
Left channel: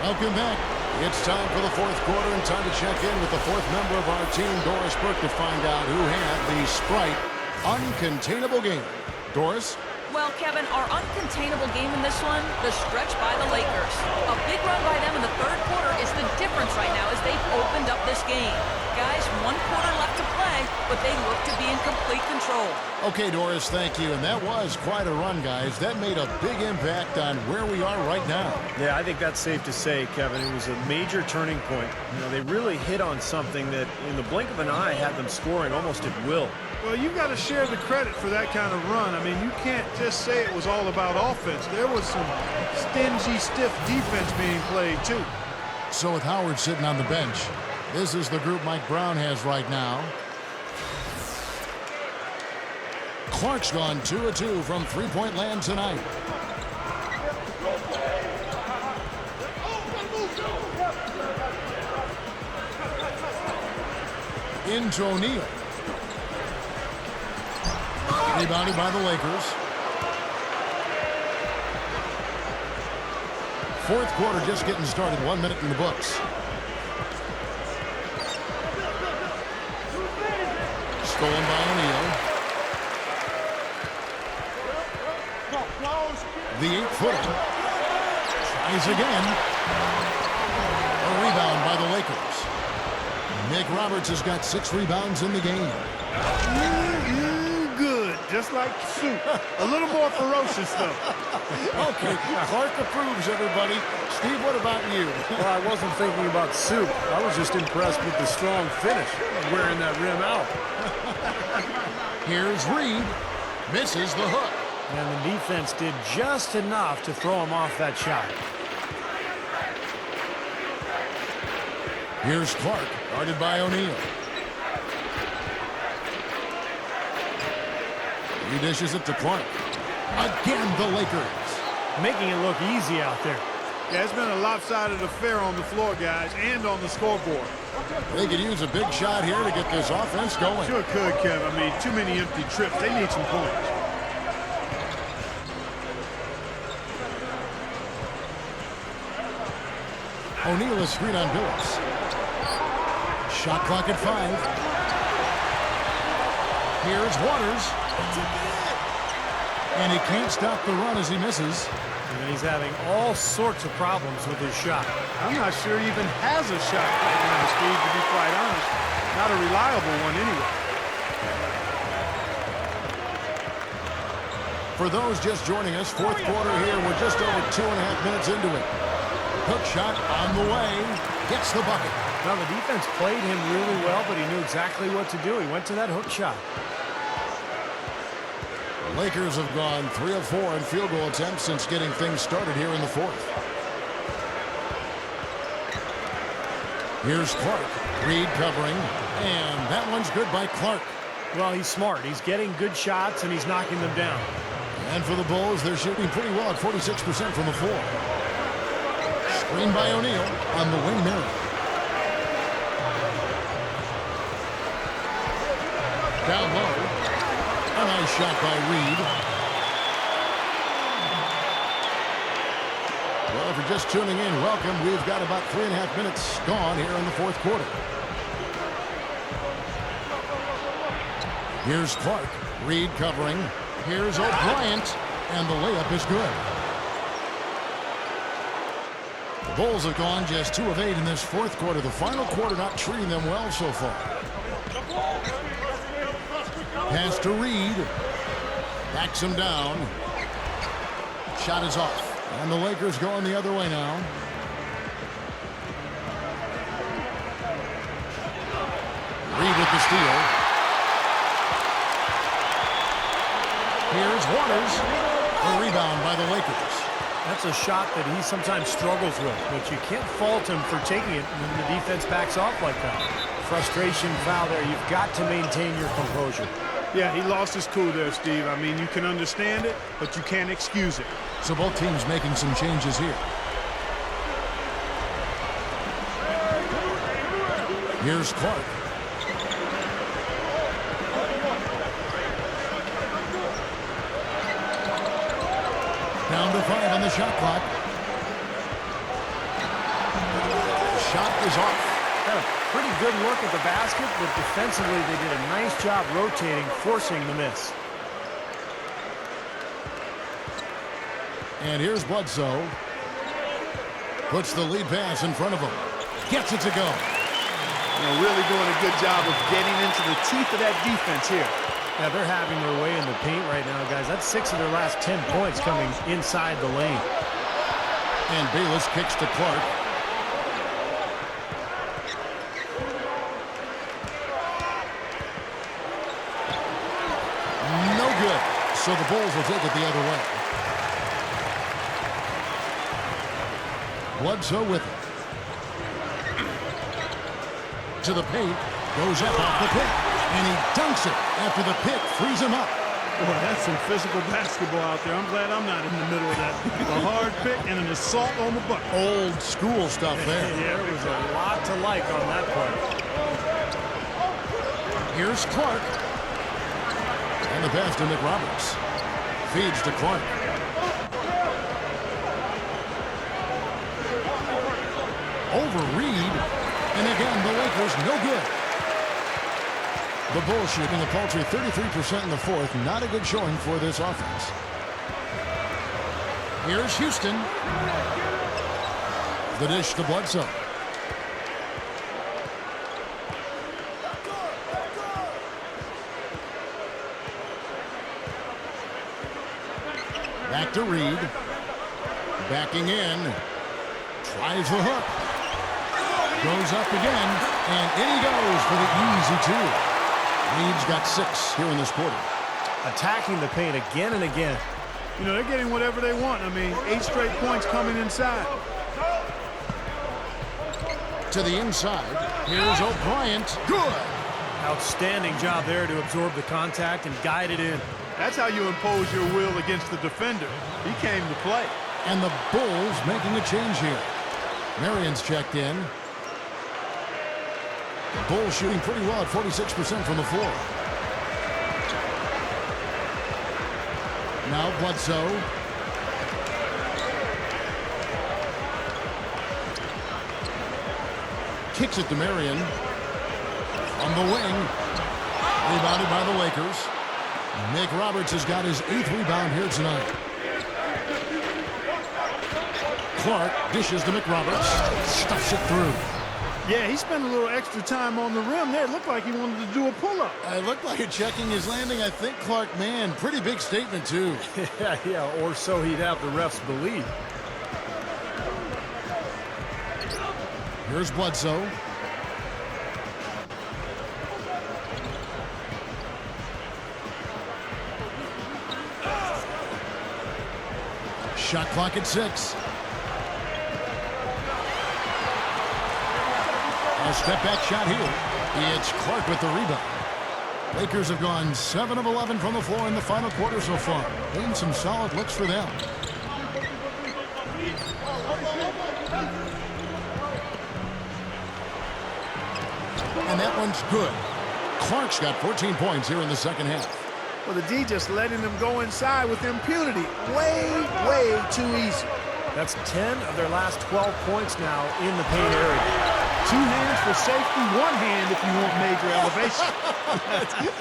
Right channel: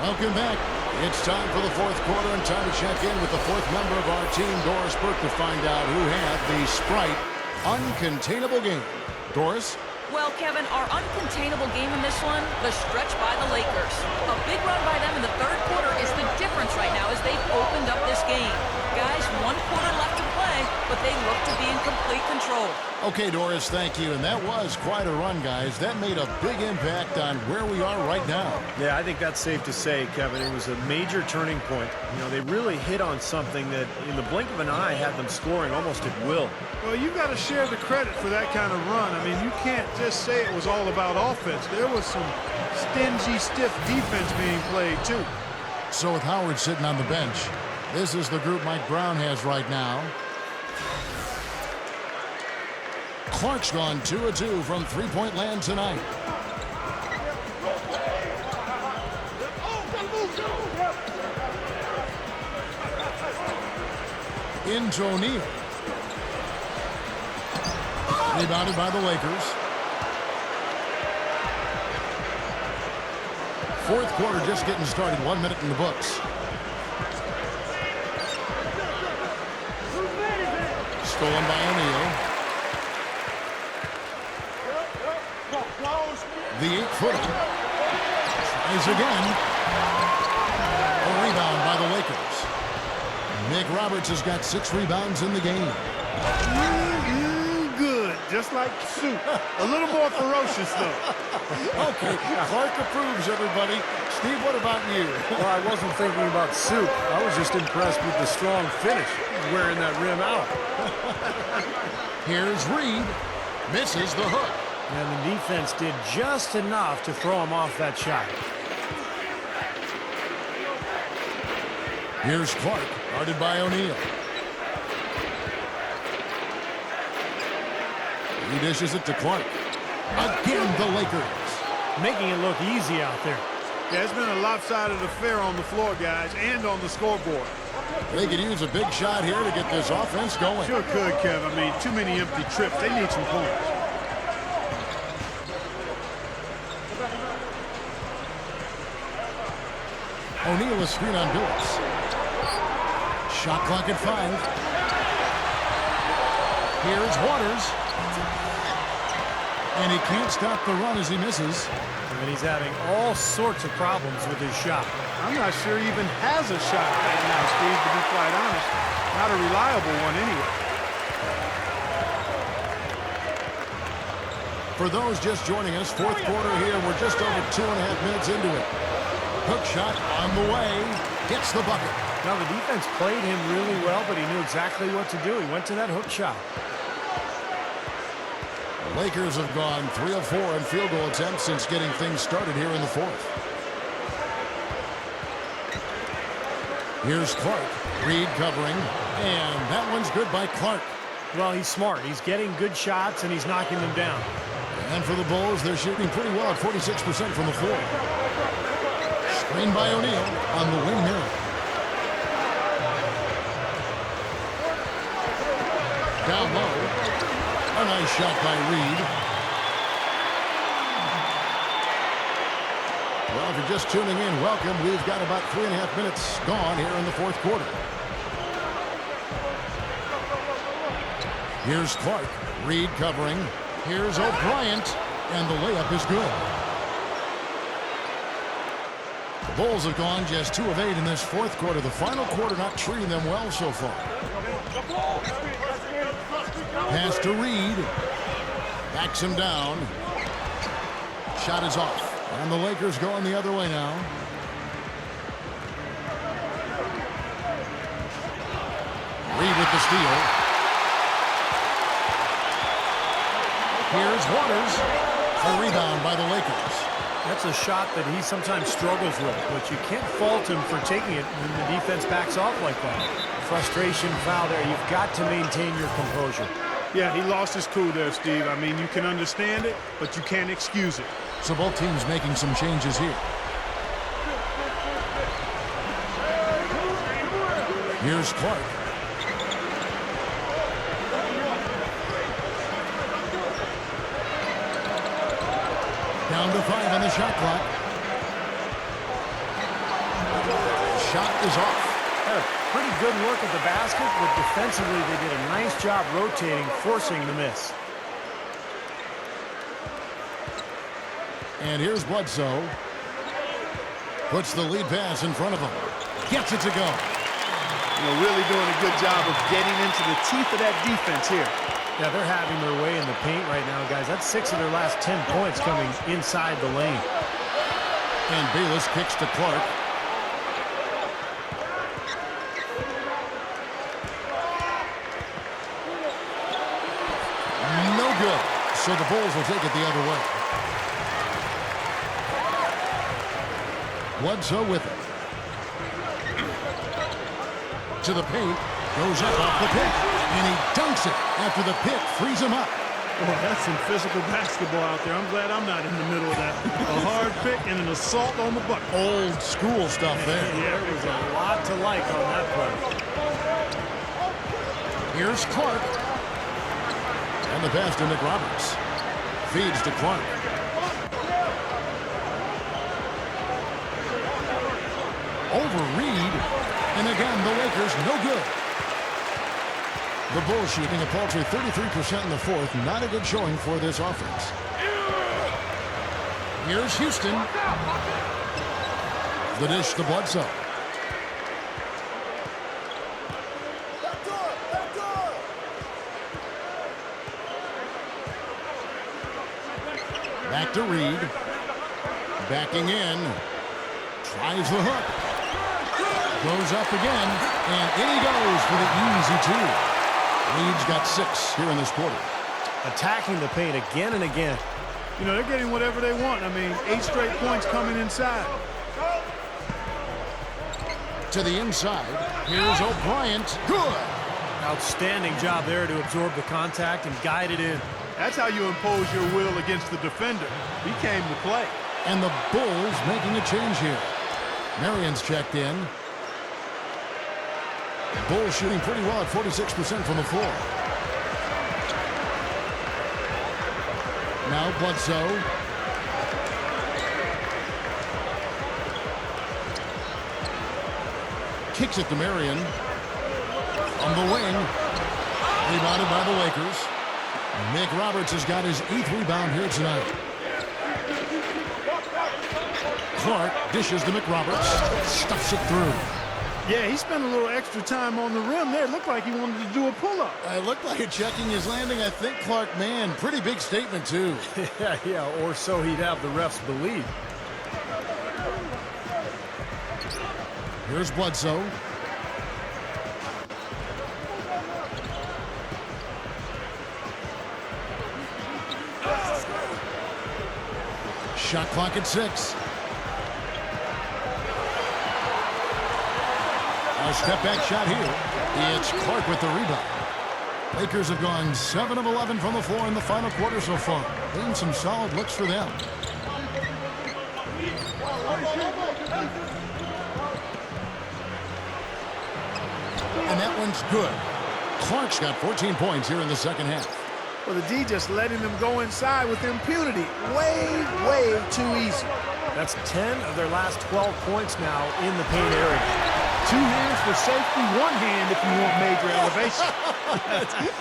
Welcome back. It's time for the 4th quarter and time to check in with the 4th member of our team, Doris Burke, to find out who had the Sprite uncontainable game. Doris? Well, Kevin, our uncontainable game in this one, the stretch by the Lakers. A big run by them in the 3rd quarter is the difference right now as they've opened up this game. Guys, 1 quarter left to play, but they look to be in complete control. Okay, Doris, thank you. And that was quite a run, guys. That made a big impact on where we are right now. Yeah, I think that's safe to say, Kevin. It was a major turning point. You know, they really hit on something that in the blink of an eye had them scoring almost at will. Well, you've got to share the credit for that kind of run. I mean, you can't just say it was all about offense. There was some stingy, stiff defense being played, too. So with Howard sitting on the bench, this is the group Mike Brown has right now. Clark's gone 2 of 2 from three-point land tonight. Into O'Neal. Rebounded by the Lakers. 4th quarter just getting started. 1 minute in the books. Stolen by O'Neal. The 8-footer. Tries again. A rebound by the Lakers. Nick Roberts has got 6 rebounds in the game. Good, just like soup. A little more ferocious, though. Okay, Clark approves, everybody. Steve, what about you? Well, I wasn't thinking about soup. I was just impressed with the strong finish, wearing that rim out. Here's Reed. Misses the hook. And the defense did just enough to throw him off that shot. Here's Clark, guarded by O'Neal. He dishes it to Clark. Again, the Lakers. Making it look easy out there. Yeah, it's been a lopsided affair on the floor, guys, and on the scoreboard. They could use a big shot here to get this offense going. Sure could, Kev. I mean, too many empty trips. They need some points. O'Neal is screen on Billups. Shot clock at 5. Here's Waters. And he can't stop the run as he misses. And he's having all sorts of problems with his shot. I'm not sure he even has a shot right now, Steve, to be quite honest. Not a reliable one anyway. For those just joining us, 4th quarter here. We're just over 2.5 minutes into it. Hook shot on the way. Gets the bucket. Now, the defense played him really well, but he knew exactly what to do. He went to that hook shot. Lakers have gone 3 of 4 in field goal attempts since getting things started here in the 4th. Here's Clark. Reed covering. And that one's good by Clark. Well, he's smart. He's getting good shots, and he's knocking them down. And for the Bulls, they're shooting pretty well at 46% from the floor. Screen by O'Neal on the wing mirror. Down low. A nice shot by Reed. Well, if you're just tuning in, welcome. We've got about 3.5 minutes gone here in the fourth quarter. Here's Clark. Reed covering. Here's O'Brien. And the layup is good. The Bulls have gone just 2 of 8 in this fourth quarter. The final quarter not treating them well so far. Pass to Reed. Backs him down. Shot is off. And the Lakers going the other way now. Reed with the steal. Here's Waters. A rebound by the Lakers. That's a shot that he sometimes struggles with, but you can't fault him for taking it when the defense backs off like that. Frustration foul there. You've got to maintain your composure. Yeah, he lost his cool there, Steve. I mean, you can understand it, but you can't excuse it. So both teams making some changes here. Here's Clark. Down to 5 on the shot clock. Shot is off. Had a pretty good look at the basket, but defensively they did a nice job rotating, forcing the miss. And here's Bledsoe. Puts the lead pass in front of him. Gets it to go. You know, really doing a good job of getting into the teeth of that defense here. Yeah, they're having their way in the paint right now, guys. That's 6 of their last 10 points coming inside the lane. And Bayless kicks to Clark. No good. So the Bulls will take it the other way. Bledsoe with it. To the paint. Goes up off the pick. And he dunks it after the pick frees him up. Boy, that's some physical basketball out there. I'm glad I'm not in the middle of that. A hard pick and an assault on the bucket. Old school stuff there. There was a lot to like on that play. Here's Clark. And the pass to Nick Roberts. Feeds to Clark. Over Reed. And again, the Lakers no good. The Bulls shooting a paltry 33% in the fourth. Not a good showing for this offense. Here's Houston. The dish to Bledsoe. Back to Reed. Backing in. Tries the hook. Goes up again. And in he goes for the easy 2. Reed's got 6 here in this quarter. Attacking the paint again and again. You know, they're getting whatever they want. I mean, 8 straight points coming inside. To the inside. Here's O'Brien. Good. Outstanding job there to absorb the contact and guide it in. That's how you impose your will against the defender. He came to play. And the Bulls making a change here. Marion's checked in. Bulls shooting pretty well at 46% from the floor. Now Bledsoe. Kicks it to Marion. On the wing. Rebounded by the Lakers. Nick Roberts has got his 8th rebound here tonight. Clark dishes to McRoberts. Stuffs it through. Yeah, he spent a little extra time on the rim there. It looked like he wanted to do a pull-up. It looked like it checking his landing. I think Clark, man, pretty big statement too. Yeah, or so he'd have the refs believe. Here's Bledsoe. Shot clock at 6. A step-back shot here. It's Clark with the rebound. Lakers have gone 7 of 11 from the floor in the final quarter so far. Been some solid looks for them. And that one's good. Clark's got 14 points here in the second half. Well, the D just letting them go inside with impunity. Way, way too easy. That's 10 of their last 12 points now in the paint area. 2 hands for safety, 1 hand if you want major elevation.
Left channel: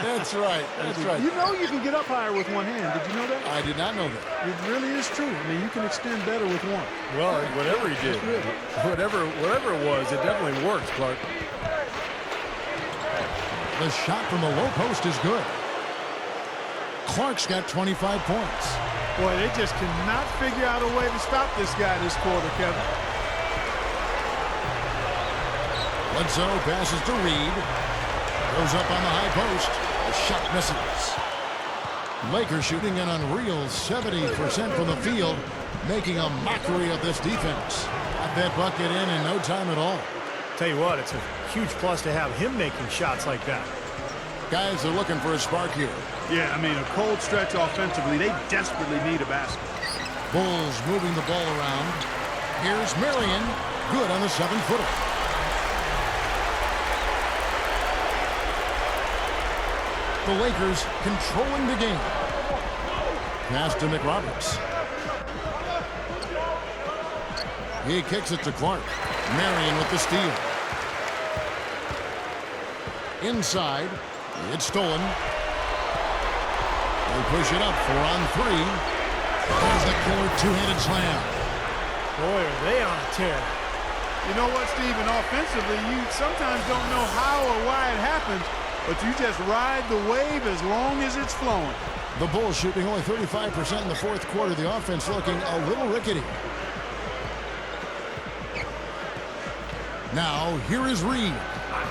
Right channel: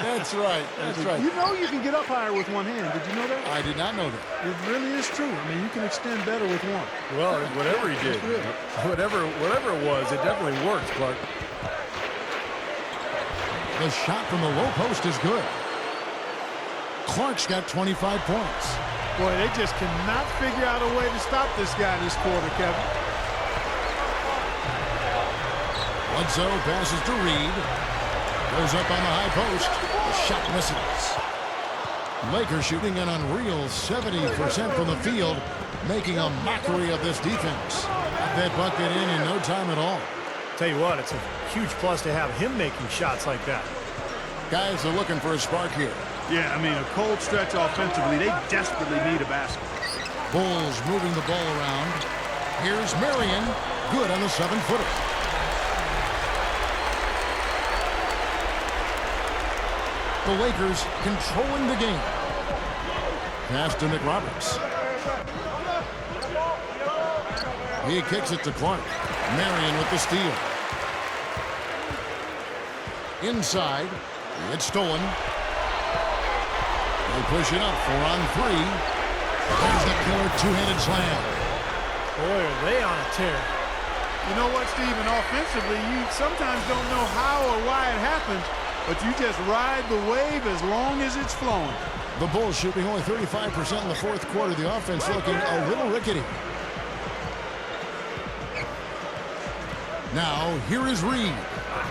That's right. That's right. You know you can get up higher with 1 hand. Did you know that? I did not know that. It really is true. I mean, you can extend better with 1. Well, whatever he did, whatever it was, it definitely worked, Clark. The shot from the low post is good. Clark's got 25 points. Boy, they just cannot figure out a way to stop this guy this quarter, Kevin. Bledsoe passes to Reed. Goes up on the high post. The shot misses. Lakers shooting an unreal 70% from the field, making a mockery of this defense. Got that bucket in no time at all. Tell you what, it's a huge plus to have him making shots like that. Guys are looking for a spark here. Yeah, I mean, a cold stretch offensively. They desperately need a basket. Bulls moving the ball around. Here's Marion. Good on the 7-footer. The Lakers controlling the game. Pass to McRoberts. He kicks it to Clark. Marion with the steal. Inside. It's stolen. They push it up 4 on 3. There's the killer 2-handed slam. Boy, are they on a tear. You know what, Steven? Offensively, you sometimes don't know how or why it happens, but you just ride the wave as long as it's flowing. The Bulls shooting only 35% in the fourth quarter. The offense looking a little rickety. Now, here is Reed.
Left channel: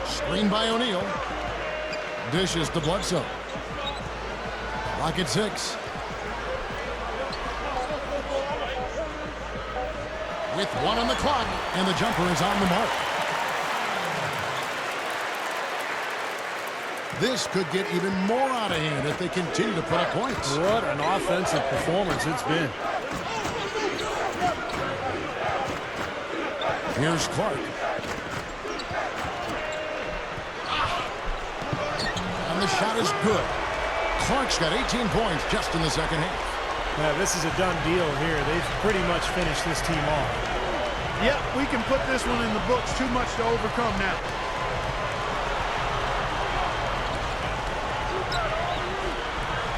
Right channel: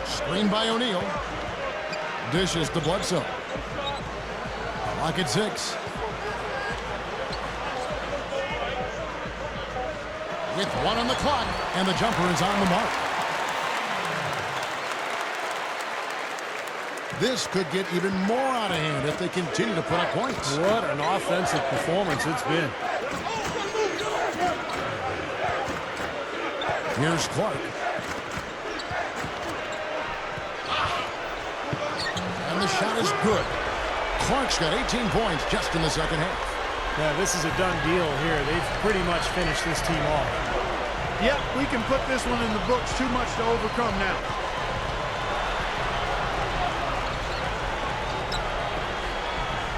Screen by O'Neal. Dishes to Bledsoe. Clock at 6. With 1 on the clock, and the jumper is on the mark. This could get even more out of hand if they continue to put up points. What an offensive performance it's been. Here's Clark. And the shot is good. Clark's got 18 points just in the second half. Yeah, this is a done deal here. They've pretty much finished this team off. Yep, we can put this one in the books. Too much to overcome now.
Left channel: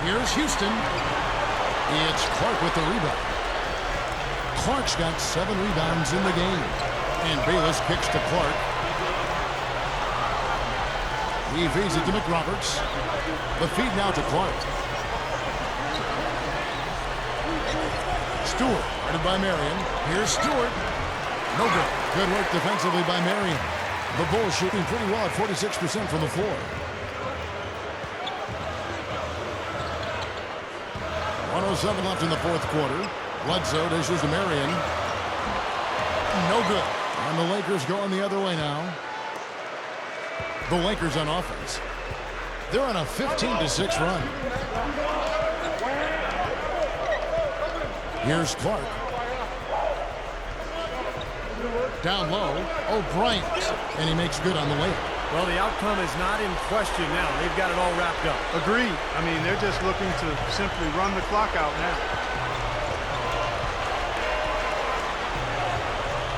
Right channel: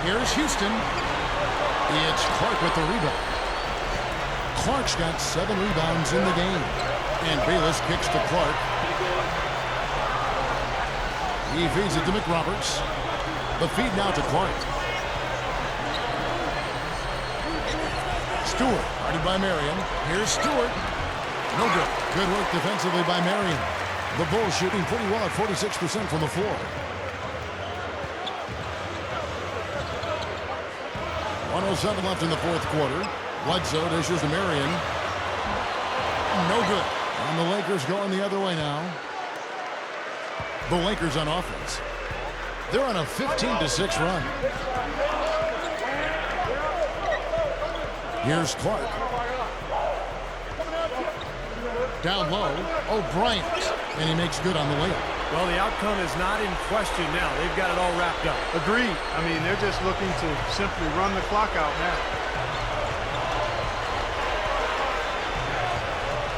Here's Houston. It's Clark with the rebound. Clark's got 7 rebounds in the game. And Bayless kicks to Clark. He feeds it to McRoberts. The feed now to Clark. Stewart, guarded by Marion. Here's Stewart. No good. Good work defensively by Marion. The Bulls shooting pretty well at 46% from the floor. 1:07 left in the fourth quarter. Bledsoe dishes to Marion. No good. And the Lakers going the other way now. The Lakers on offense. They're on a 15-6 run. Here's Clark. Down low, O'Brien. And he makes good on the layup. Well, the outcome is not in question now. They've got it all wrapped up. Agreed. I mean, they're just looking to simply run the clock out now.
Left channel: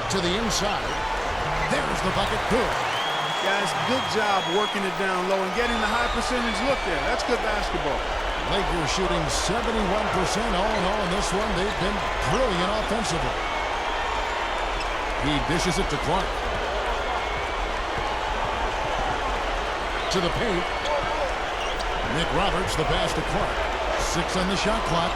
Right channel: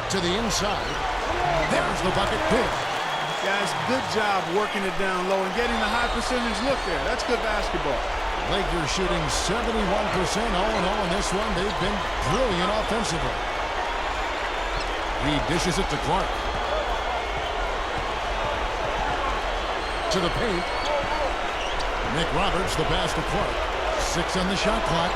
To the inside. There's the bucket. Good. Guys, good job working it down low and getting the high percentage look there. That's good basketball. Lakers shooting 71% all in all in this one. They've been brilliant offensively. He dishes it to Clark. To the paint. McRoberts, the pass to Clark. 6 on the shot clock.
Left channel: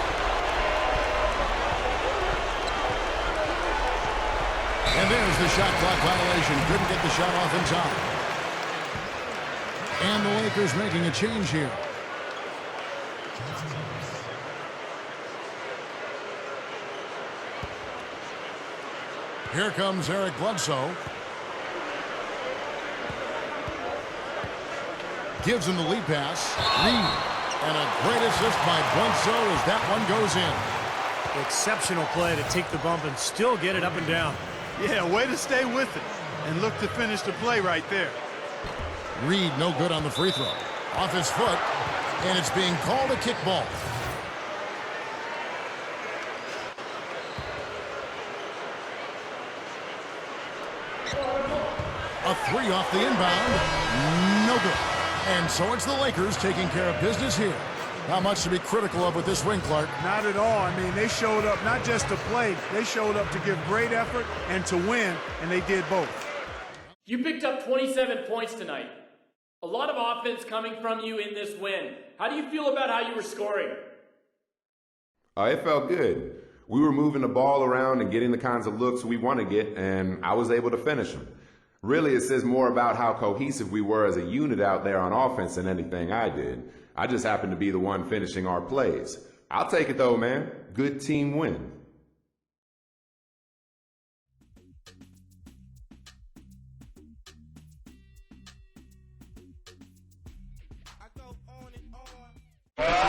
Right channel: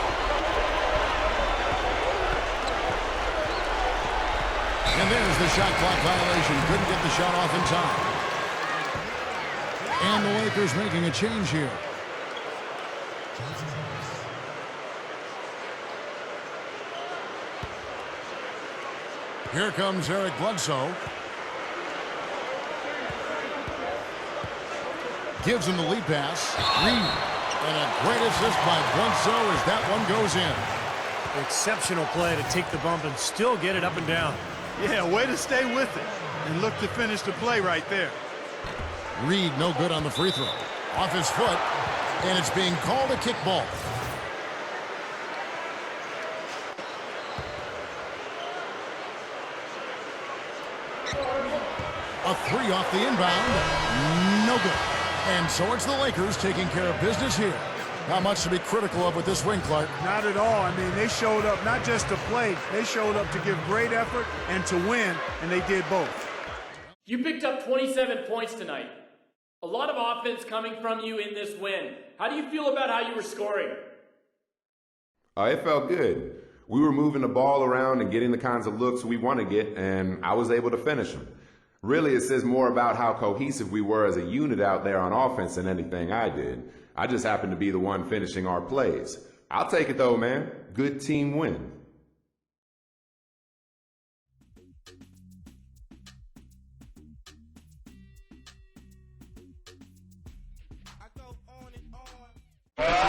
And there's the shot clock violation. Couldn't get the shot off in time. And the Lakers making a change here. Here comes Eric Bledsoe. Gives him the lead pass. Reed. And a great assist by Bledsoe as that one goes in. Exceptional play to take the bump and still get it up and down. Yeah, way to stay with it and look to finish the play right there. Reed no good on the free throw. Off his foot, and it's being called a kickball. A three off the inbound. No good. And so it's the Lakers taking care of business here. Not much to be critical of with this win, Clark. Not at all. I mean, they showed up not just to play. They showed up to give great effort and to win, and they did both. You picked up 27 points tonight. A lot of offense coming from you in this win. How do you feel about how you were scoring? It felt good. We were moving the ball around and getting the kinds of looks we want to get, and I was able to finish them. Really, it says more about how cohesive we were as a unit out there on offense than anything I did. I just happened to be the one finishing our plays. I'll take it though, man. Good team win. I go on and on.